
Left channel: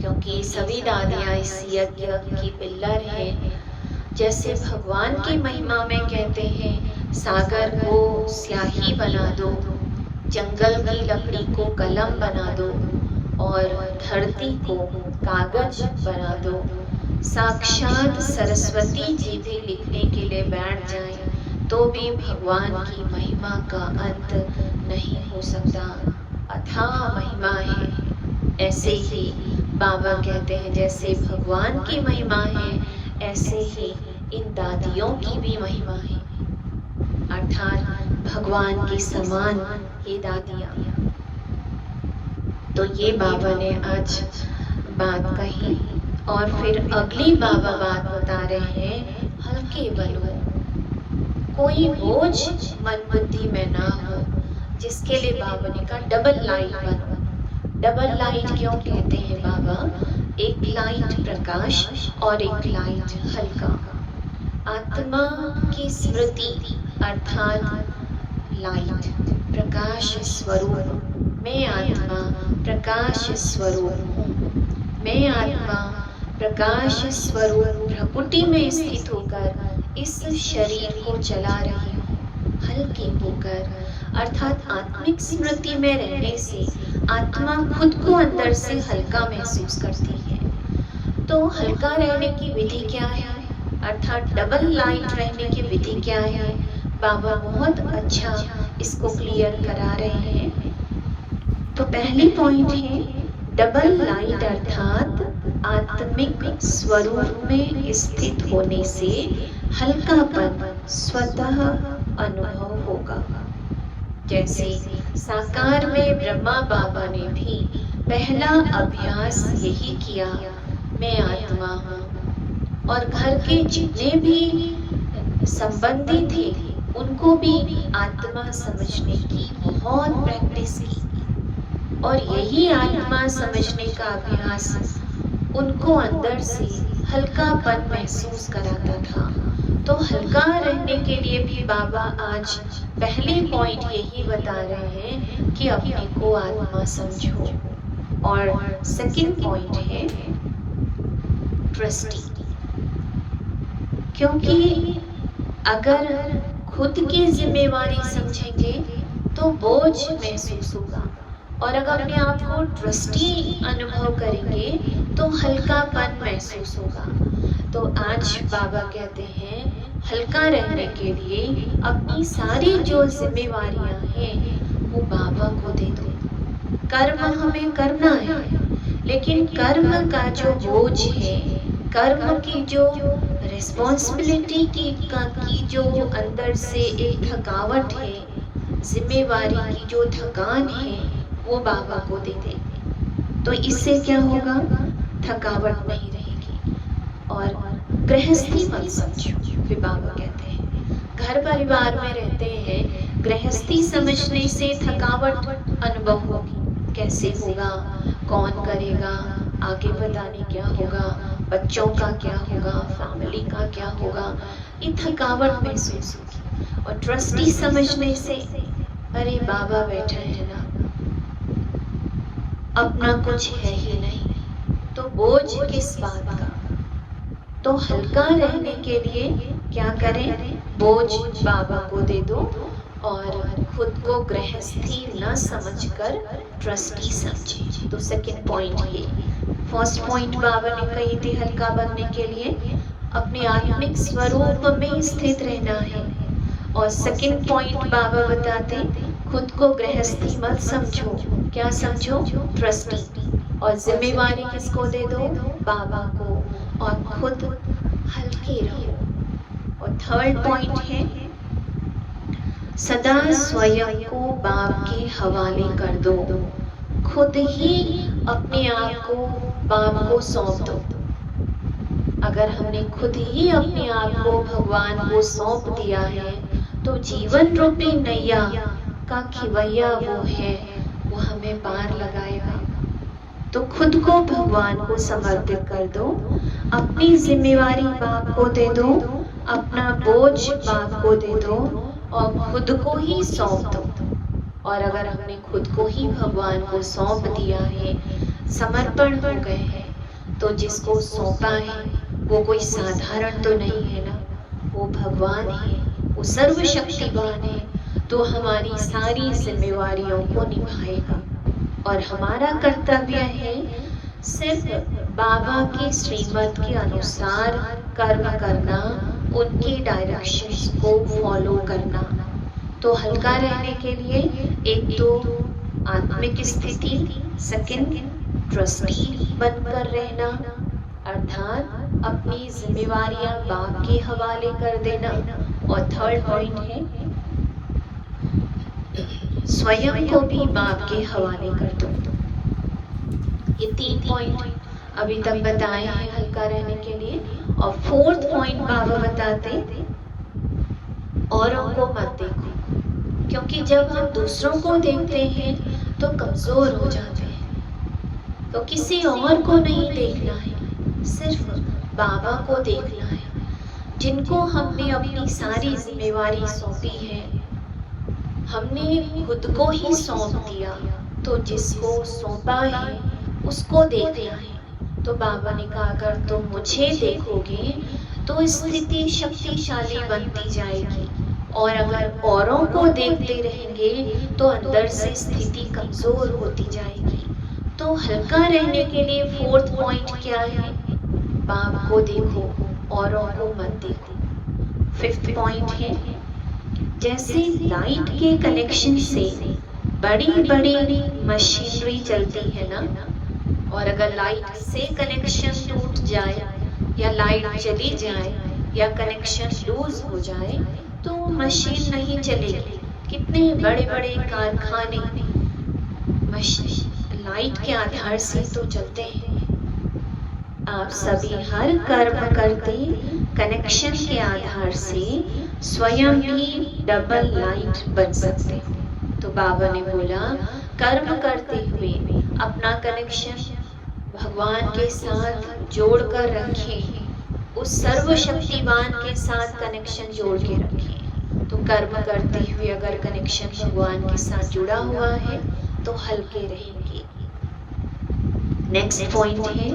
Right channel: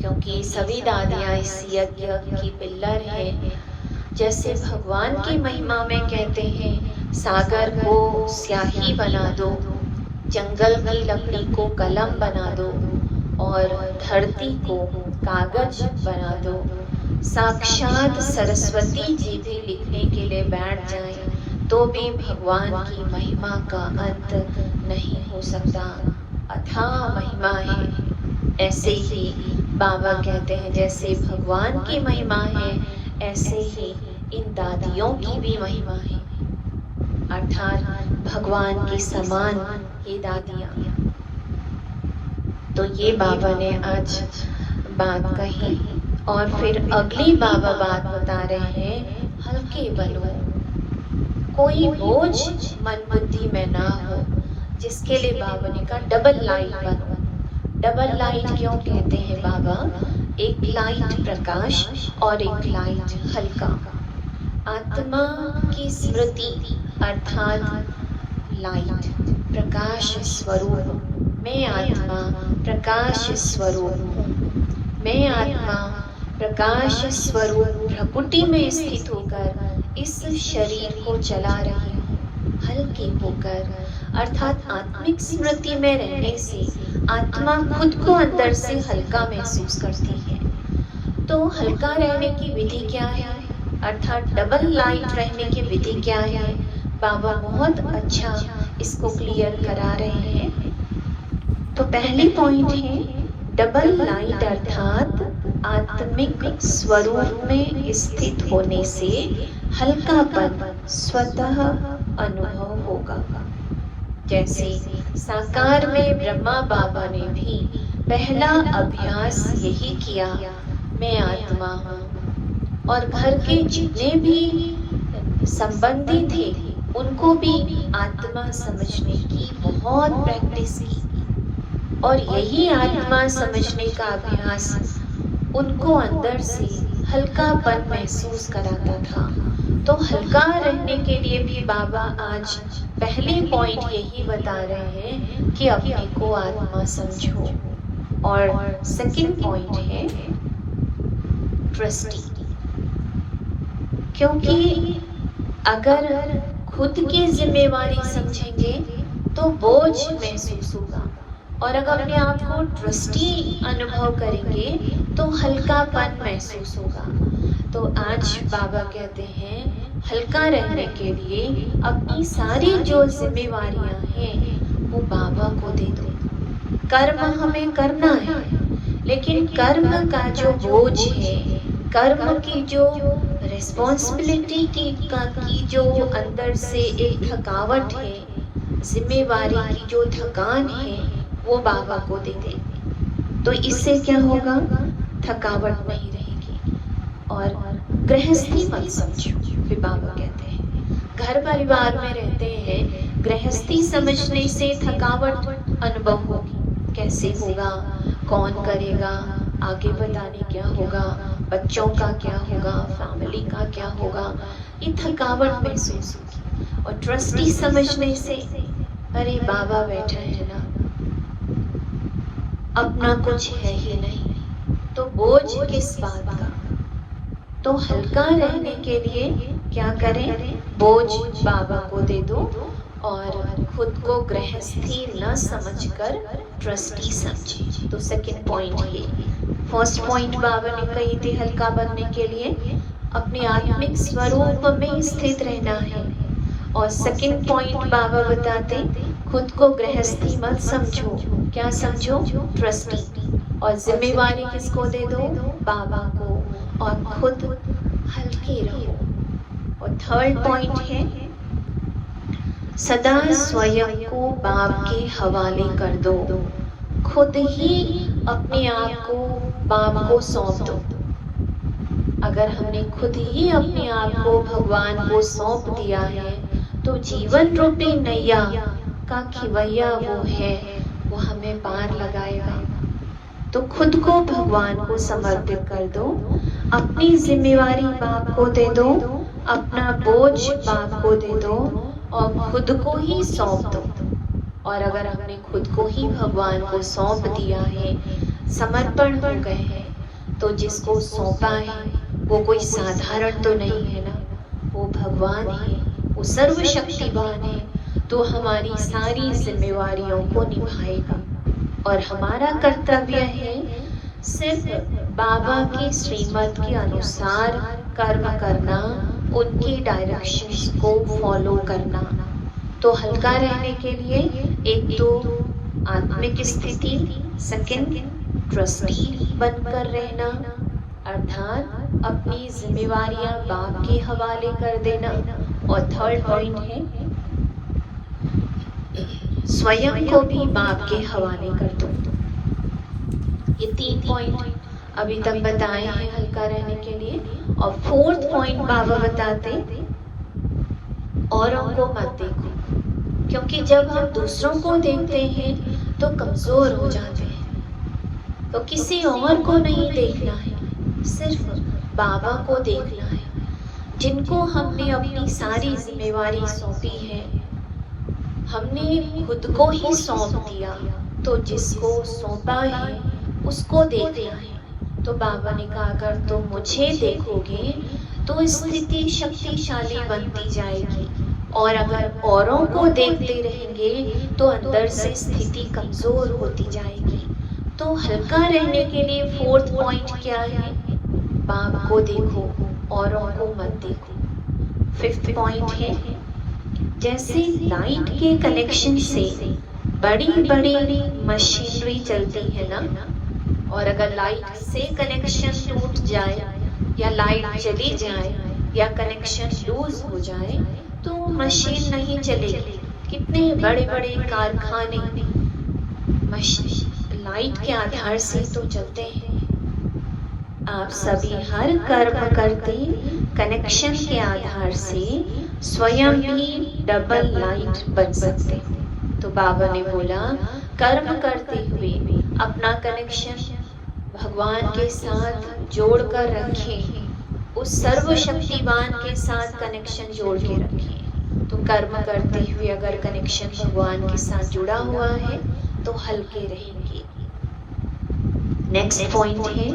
क्योंकि सभी दादियां इस यज्ञ की पिल्लर हैं। जैसे भगवान की महिमा में कहते हैं सागर को स्याही बना दो, जंगल की लकड़ी को कलम बना दो, और धरती को कागज बना दो। साक्षात सरस्वती जी भी लिखने के लिए बैठ जाए तो भी भगवान की महिमा का अंत नहीं हो सकता। अथाह महिमा है। ऐसे ही बाबा कहते हैं जैसे भगवान की महिमा है, ऐसे ही इन दादियों की भी महिमा है, अर्थात भगवान की समान ये दादियाँ। तो ये बाबा ने आज बात कही, और फिर अगली बाबा बात बता रहे हैं हल्के बनो, कोई बोझ मन बुद्धि में ना हो, जिसके लिए बाबा ने कहा डबल लाइट बनो। डबल लाइट क्यों कहते हैं बाबा? एक लाइट प्रकाश और एक लाइट हल्का। आत्मा की स्मृति अर्थात लाइट, प्रकाश स्वरूप। मैं आत्मा प्रकाश स्वरूप हूँ। मैं आत्मा प्रकाश स्वरूप प्रकृति में स्थित होकर इस शरीर को चला रही हूँ, हल्के होकर। अर्थात आत्मिक स्मृति में रहने से आत्मा खुद को अंदर से हल्का महसूस करती है। तो हल्का रहने की विधि क्या है? अर्थात डबल लाइट रहने की विधि क्या है? बाबा बहुत अच्छा इसको क्लियर करा रहे हैं। तो पहली पॉइंट है डबल लाइट अर्थात आत्मिक स्वरूप में स्थित होने से हल्कापन स्वतः अनुभव होगा। जैसे साकार में ब्रह्मा बाबा ने भी पहला अभ्यास यही किया, मैं आत्मा हूँ। और घर के जितने भी संबंधी थे उनको भी आत्मा समझने की बहुत प्रैक्टिस की, और यही आत्मा समझने का अभ्यास उनको अंदर से हल्कापन महसूस कराता था। तो हल्का रहने के लिए भी बाबा आज पहले पॉइंट यही बता रहे हैं कि अपने को आत्मा समझो। और सेकंड पॉइंट है ट्रस्टी, क्योंकि अगर खुद की जिम्मेवारी समझेंगे तो बोझ महसूस होगा, और अगर अपने आप को ट्रस्टी अनुभव करेंगे तो हल्कापन महसूस होगा। तो आज बाबा कहते हैं हल्का रहने के लिए अपनी सारी जो जिम्मेवारियां हैं वो बाबा को दे दो। कर्म हमें करना है, लेकिन कर्म का जो बोझ है, कर्म की जो रिस्पॉन्सिबिलिटी की जो अंदर से एक थकावट है, जिम्मेवारी की जो थकान है, वो बाबा को दे दे। तो इससे क्या होगा, थकावट नहीं रहेगी। और गृहस्थी मत समझो, फिर बाबा कहते हैं घर परिवार में रहते हैं, गृहस्थी समझने से थकावट अनुभव होगी। कैसे होगा, कौन करेगा, आगे पता नहीं क्या होगा, बच्चों का क्या होगा, फैमिली का क्या होगा, ये थकावट महसूस होगी। और ट्रस्टी समझने से अरे बाबा बैठा है ना, अपना कुछ है ही नहीं, तो बोझ किस बात का। तो हल्का रहने के लिए क्या करें, बोझ बाबा को दे दो और खुद को गृहस्थी न समझकर ट्रस्टी समझे। तो सेकंड पॉइंट ये। फर्स्ट पॉइंट बाबा ने कही थी हल्का बनने के लिए अपने आत्मिक स्वरूप में स्थित रहना है, और सेकंड पॉइंट बाबा बताते खुद को गृहस्थी मत समझो, क्या समझो, ट्रस्टी। और जिम्मेवारी किसको दे दो, बाबा को, और खुद हल्के रहो। और थर्ड पॉइंट है सदा स्वयं को बाप के हवाले कर दो, खुद ही अपने आप को बाप को सौंप दो। अगर हमने खुद ही अपने आप को भगवान को सौंप दिया है तो जीवन रूपी नैया का खिवैया वो है, वो हमें पार लगाएगा। तो खुद को भगवान को समर्पित कर दो, अपनी जिम्मेवारी बाप को दे दो, अपना बोझ बाप को दे दो और खुद को ही सौंप दो। और अगर हमने खुद को ही भगवान को सौंप दिया है, समर्पण हो गए हैं, तो जिसको सौंपा है वो कोई साधारण तो नहीं है ना, वो भगवान है, वो सर्वशक्तिवान है, तो हमारी सारी जिम्मेवारियों को निभाएगा। और हमारा कर्तव्य है सिर्फ बाबा की श्रीमत के अनुसार कर्म करना, उनकी डायरेक्शंस को फॉलो करना। तो हल्का रहने के लिए एक तो आत्मिक स्थिति, सेकंड ट्रस्टी बनकर रहना, अर्थात अपनी जिम्मेवारियां बाप के हवाले कर देना, और थर्ड पॉइंट है स्वयं को भी बाप के हवाले कर दो। ये 3 पॉइंट अभी तक बताए हैं हल्का रहने के लिए। और फोर्थ पॉइंट बाबा बताते औरों को मत देखो, क्योंकि जब हम दूसरों को देखते हैं तो कमजोर हो जाते हैं। तो किसी और को नहीं देखना है, सिर्फ बाबा को देखना है, जिनको हमने अपनी सारी जिम्मेवारी सौंपी है, हमने खुद को ही सौंप दिया, तो जिसको सौंपा है उसको देखना है। तो बाबा ने कहा अगर तुम मुझे देखोगे तो स्थिति शक्तिशाली बनती जाएगी, और अगर औरों को देखते रहेंगे तो अंदर से स्थिति कमजोर होती जाएगी। तो हल्का रहने के लिए फोर्थ पॉइंट क्या है, बाप को देखो, औरों को मत देखो। फिफ्थ पॉइंट है जैसे लाइट के कनेक्शन से बड़ी बड़ी मशीनरी चलती है ना, और अगर लाइट से कनेक्शन टूट जाए या लाइट चली जाए या कनेक्शन लूज हो जाए तो मशीन नहीं चलेगी, कितने बड़े बड़े कारखाने लाइट के आधार से तो चलते हैं। आप सभी हर कर्म करते कनेक्शन के आधार से स्वयं भी डबल लाइट बन सकते हो। तो बाबा ने बोला कर्म करते हुए अपना कनेक्शन भगवान के साथ जोड़ कर रखें, उस सर्वशक्तिवान के साथ कनेक्शन जोड़ के रखें। तो कर्म करते हुए अगर कनेक्शन भगवान के साथ जुड़ा हुआ है तो हल्के रहेंगे। नेक्स्ट पॉइंट है,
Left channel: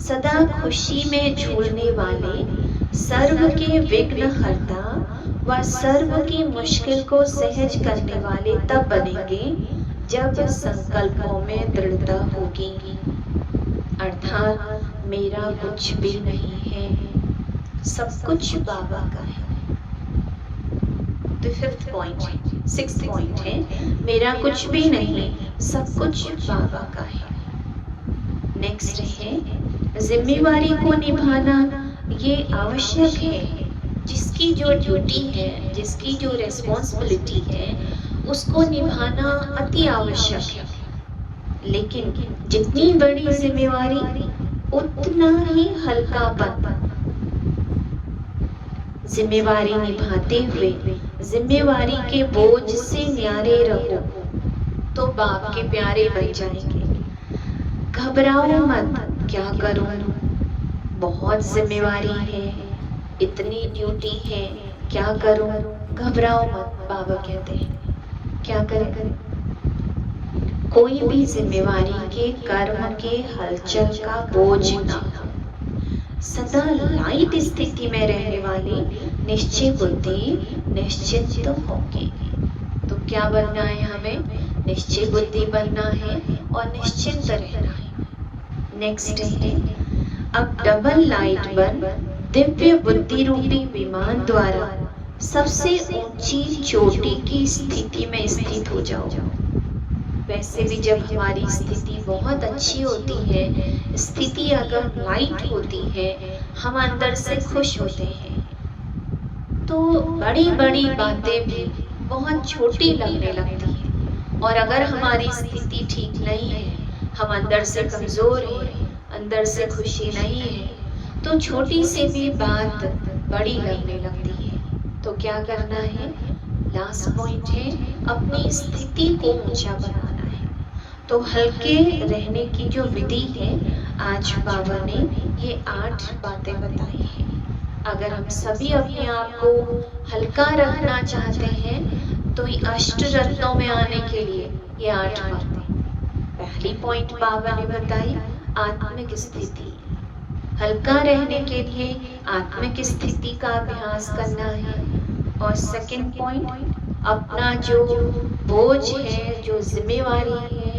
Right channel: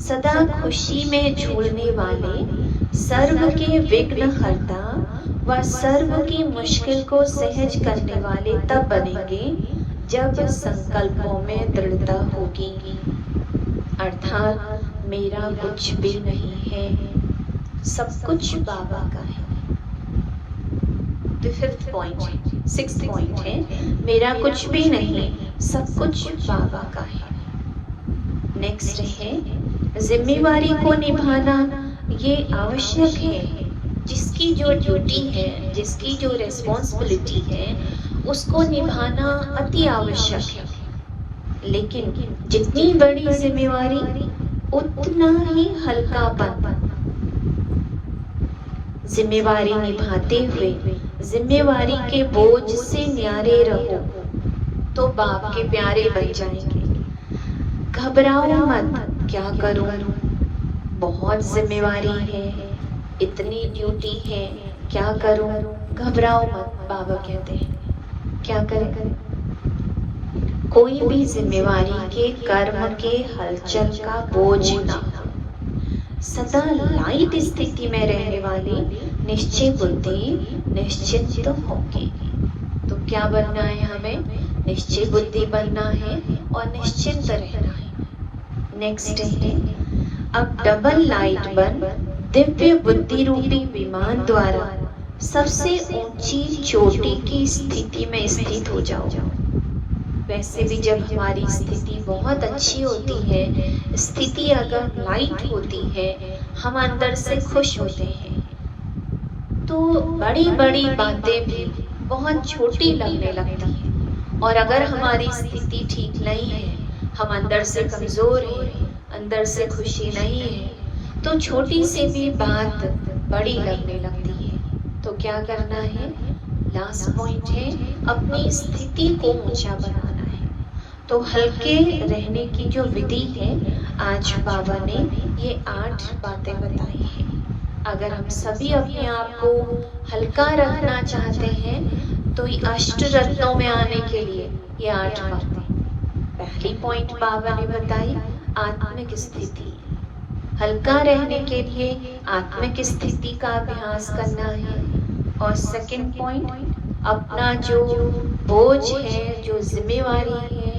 सदा खुशी में झूलने वाले सर्व के विघ्न हरता व सर्व की मुश्किल को सहज करने वाले तब बनेंगे जब संकल्पों में दृढ़ता होगी। अर्थात मेरा कुछ भी नहीं है, सब कुछ बाबा का है। तो फिफ्थ पॉइंट है, सिक्स्थ पॉइंट है, मेरा कुछ भी नहीं, सब कुछ बाबा का है। नेक्स्ट है, जिम्मेवारी को निभाना ये आवश्यक है। जिसकी जो ड्यूटी है, जिसकी जो रिस्पॉन्सिबिलिटी है, उसको निभाना अति आवश्यक है। लेकिन जितनी बड़ी जिम्मेवारी उतना ही हल्कापन। जिम्मेवारी निभाते हुए जिम्मेवारी के बोझ से न्यारे रहो तो बाप के प्यारे बन जाएंगे। घबराओ मत, क्या करूं, बहुत जिम्मेवारी है, इतनी ड्यूटी है, क्या करूं, घबराओ मत। बाबा कहते हैं क्या करें? कोई भी जिम्मेवारी के कर्म के हलचल का बोझ ना हो। सदा लाइट स्थिति में रहने वाली निश्चय बुद्धि निश्चिंत होगी। तो क्या बनना है हमें? निश्चय बुद्धि बनना है और निश्चिंत रहना है। नेक्स्ट है, अब डबल लाइट बन दिव्य बुद्धि रूपी विमान द्वारा सबसे ऊंची चोटी की स्थिति में स्थित हो जाओ। वैसे भी जब हमारी स्थिति बहुत अच्छी होती है, स्थिति अगर लाइट होती है, हम अंदर से खुश होते हैं, तो बड़ी बड़ी बातें भी बहुत छोटी लगने लगती हैं। और अगर हमारी स्थिति ठीक नहीं है, हम अंदर से कमजोर हैं, अंदर से खुशी नहीं है, तो छोटी सी भी बात बड़ी लगने लगती है। तो क्या करना है? लास्ट पॉइंट है, अपनी स्थिति को ऊंचा बनाना है। तो हल्के रहने की जो विधि है, आज बाबा ने ये 8 बातें बताई हैं। अगर हम सभी अपने आप को हल्का रखना चाहते हैं तो ये अष्ट रत्नों में आने के लिए ये 8 बातें। पहली पॉइंट बाबा ने बताई आत्मिक स्थिति। हल्का रहने के लिए आत्मिक स्थिति का अभ्यास करना है। और सेकंड पॉइंट, अपना जो बोझ है, जो जिम्मेवारी है,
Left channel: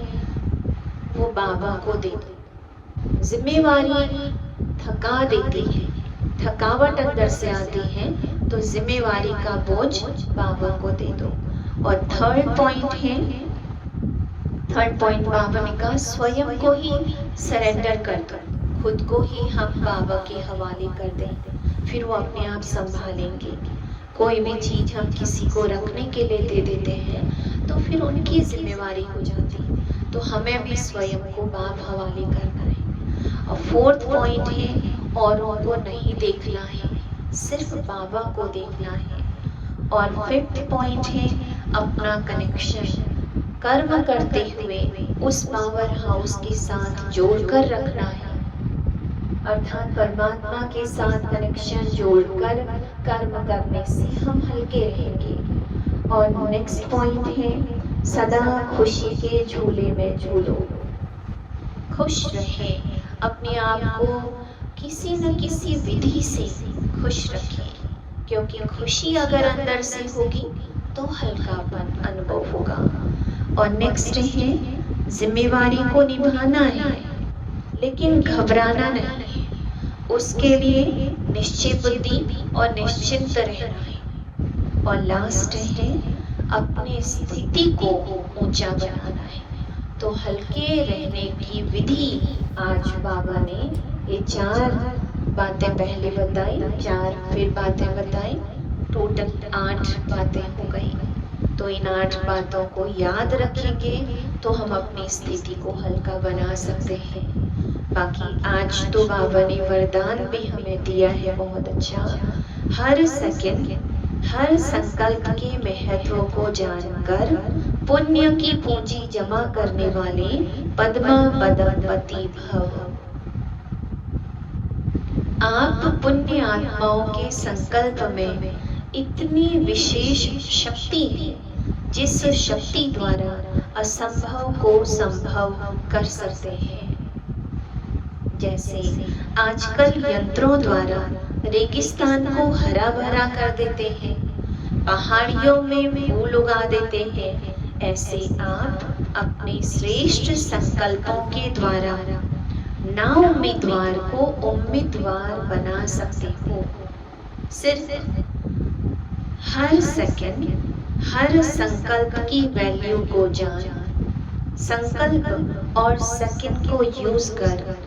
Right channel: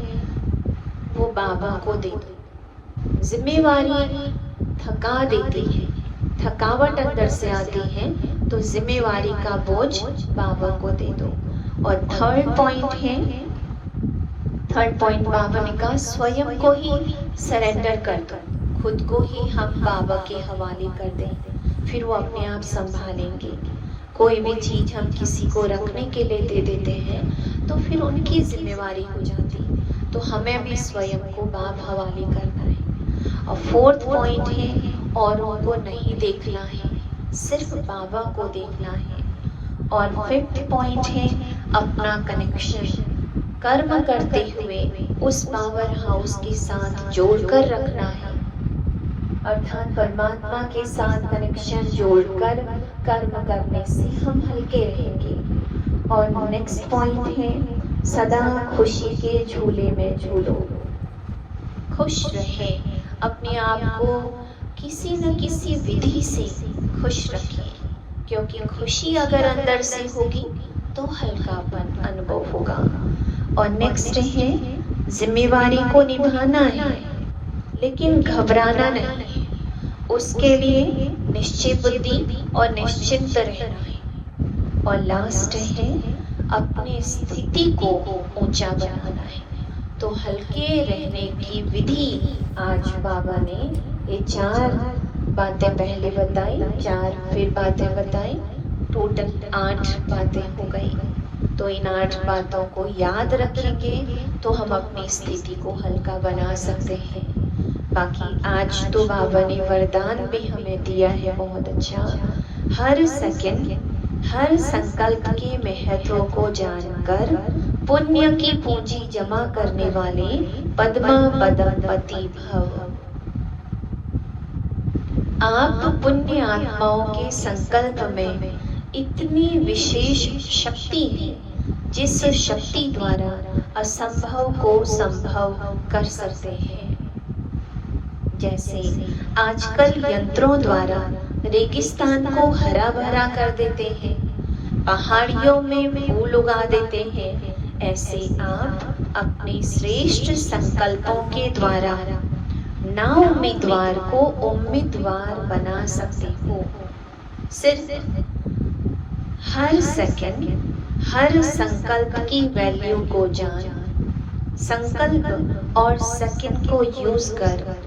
वो बाबा को दे दो। जिम्मेवारी थका देती है, थकावट अंदर से आती है, तो जिम्मेवारी का बोझ बाबा को दे दो। और थर्ड पॉइंट बाबा ने कहा स्वयं को ही सरेंडर कर दो, खुद को ही हम बाबा के हवाले कर दें, फिर वो अपने आप संभालेंगे। कोई भी चीज हम किसी को रखने के लिए दे देते हैं तो फिर उनकी जिम्मेवारी हो जाती है, तो हमें भी स्वयं को बाप हवाले करना है। और फोर्थ पॉइंट है, औरों को नहीं देखना है, सिर्फ बाबा को देखना है। और फिफ्थ पॉइंट है, अपना कनेक्शन कर्म करते हुए उस पावर हाउस के साथ जोड़कर रखना है। अर्थात परमात्मा के साथ कनेक्शन जोड़कर कर्म करने से हम हल्के रहेंगे। और नेक्स्ट पॉइंट है, सदा खुशी के झूले में झूलो। खुश रहे, अपने आप को किसी न किसी विधि से खुश रखिए, क्योंकि खुशी अगर अंदर से होगी तो हल्कापन अनुभव होगा। और नेक्स्ट है, जिम्मेवारी को निभाना है लेकिन घबराना नहीं, उसके लिए निश्चय बुद्धि और निश्चिंत रहना है। और लास्ट है, अपनी स्थिति को ऊंचा बनाना है। तो हल्के रहने की विधि आज बाबा ने ये 4 बातें पहले बताई, 4 फिर बातें बताई, टोटल 8 बातें हो गई। तो इन 8 बातों को याद रखेंगे तो हम अपनी स्थिति को हल्का बना सकते हैं। बाकी आज तो बाबा ने वरदान भी हमें दिया है बहुत अच्छा। हर सेकंड, हर संकल्प के महत्व को जानकर पुण्य की पूंजी जमा करने वाले पद्मा पदमपति भव। आप पुण्य आत्माओं के संकल्प में इतनी विशेष शक्ति है जिस शक्ति द्वारा असंभव को संभव कर सकते हैं। जैसे आजकल यंत्रों द्वारा रेगिस्तान को हरा भरा कर देते हैं, पहाड़ियों में फूल उगा देते हैं, ऐसे आप अपने श्रेष्ठ संकल्पों के द्वारा ना उम्मीदवार को उम्मीदवार बना सकते हो। सिर्फ हर सेकंड, हर संकल्प की वैल्यू को जान, संकल्प और सेकंड को यूज कर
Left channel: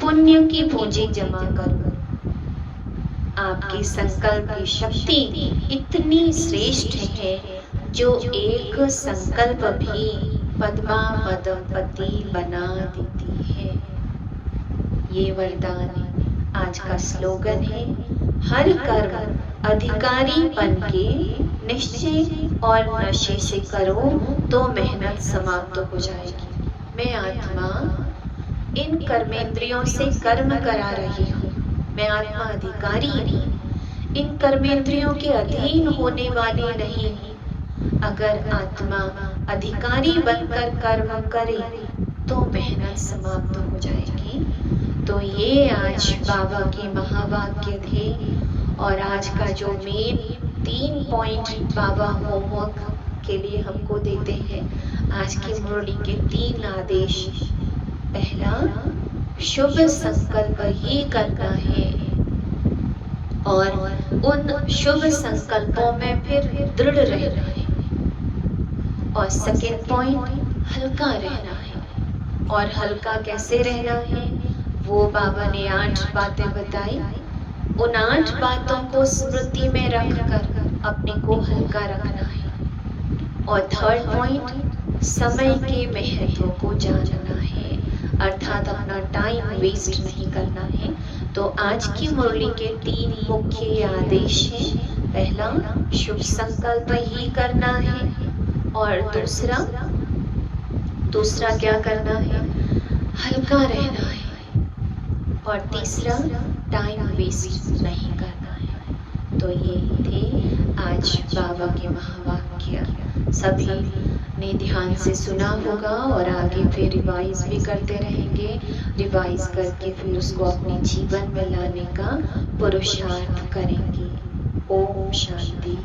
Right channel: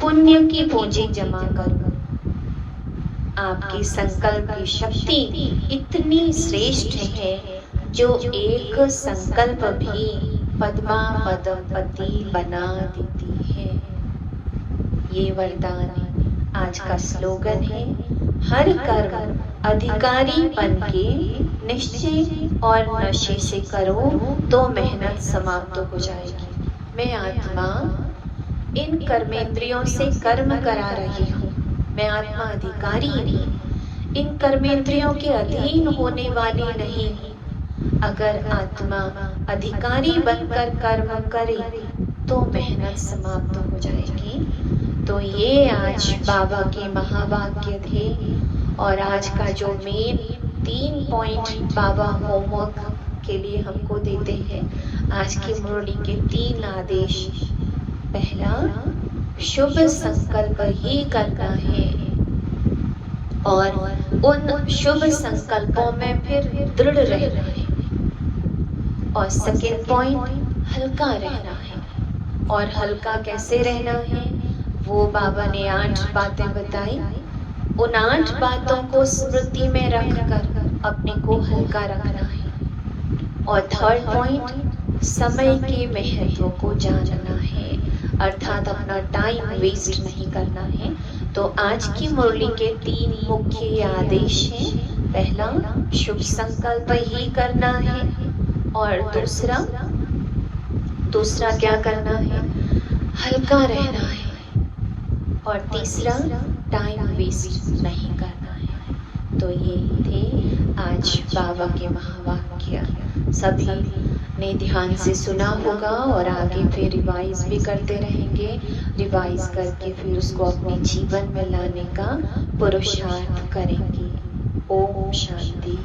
पुण्य की पूंजी जमा करो। आपकी संकल्प की शक्ति इतनी श्रेष्ठ है जो एक संकल्प भी पद्मा पदमपति बना देती है। ये वरदान आज का स्लोगन है। हर कर्म अधिकारी बन के निश्चय और नशे से करो तो मेहनत समाप्त हो जाएगी। मैं आत्मा इन कर्मेंद्रियों से कर्म करा रही हूँ। मैं आत्मा अधिकारी हूँ, इन कर्मेंद्रियों के अधीन होने वाली नहीं। अगर आत्मा अधिकारी बनकर कर्म करे तो मेहनत समाप्त हो जाएगी। तो ये आज बाबा के महावाक्य थे और आज का जो मेन 3 पॉइंट बाबा होमवर्क के लिए हमको देते हैं। आज की मुरली के 3 आदेश। पहला, शुभ संकल्प ही करना है और उन शुभ संकल्पों में फिर दृढ़ रहना है। और सेकंड पॉइंट, हल्का रहना है। और हल्का कैसे रहना है वो बाबा ने 8 बातें बताई। उन 8 बातों को स्मृति में रखकर अपने को हल्का रखना है। और थर्ड पॉइंट, समय के महत्व को जानना है, अर्थात अपना टाइम वेस्ट नहीं करना है। तो आज की मुरली के 3 मुख्य आदेश हैं। पहला, शुभ संकल्प ही करना है। और दूसरा क्या करना है? हल्का रहना है। और तीसरा, टाइम वेस्ट नहीं करना है। तो ये थे आज बाबा के महावाक्य। सभी ने ध्यान से सुना होगा और आगे फिर रिवाइज भी करते रहेंगे। रिवाइज करके फिर उसको अपने जीवन में लाने का पुरुषार्थ करेंगे। ओम शांति।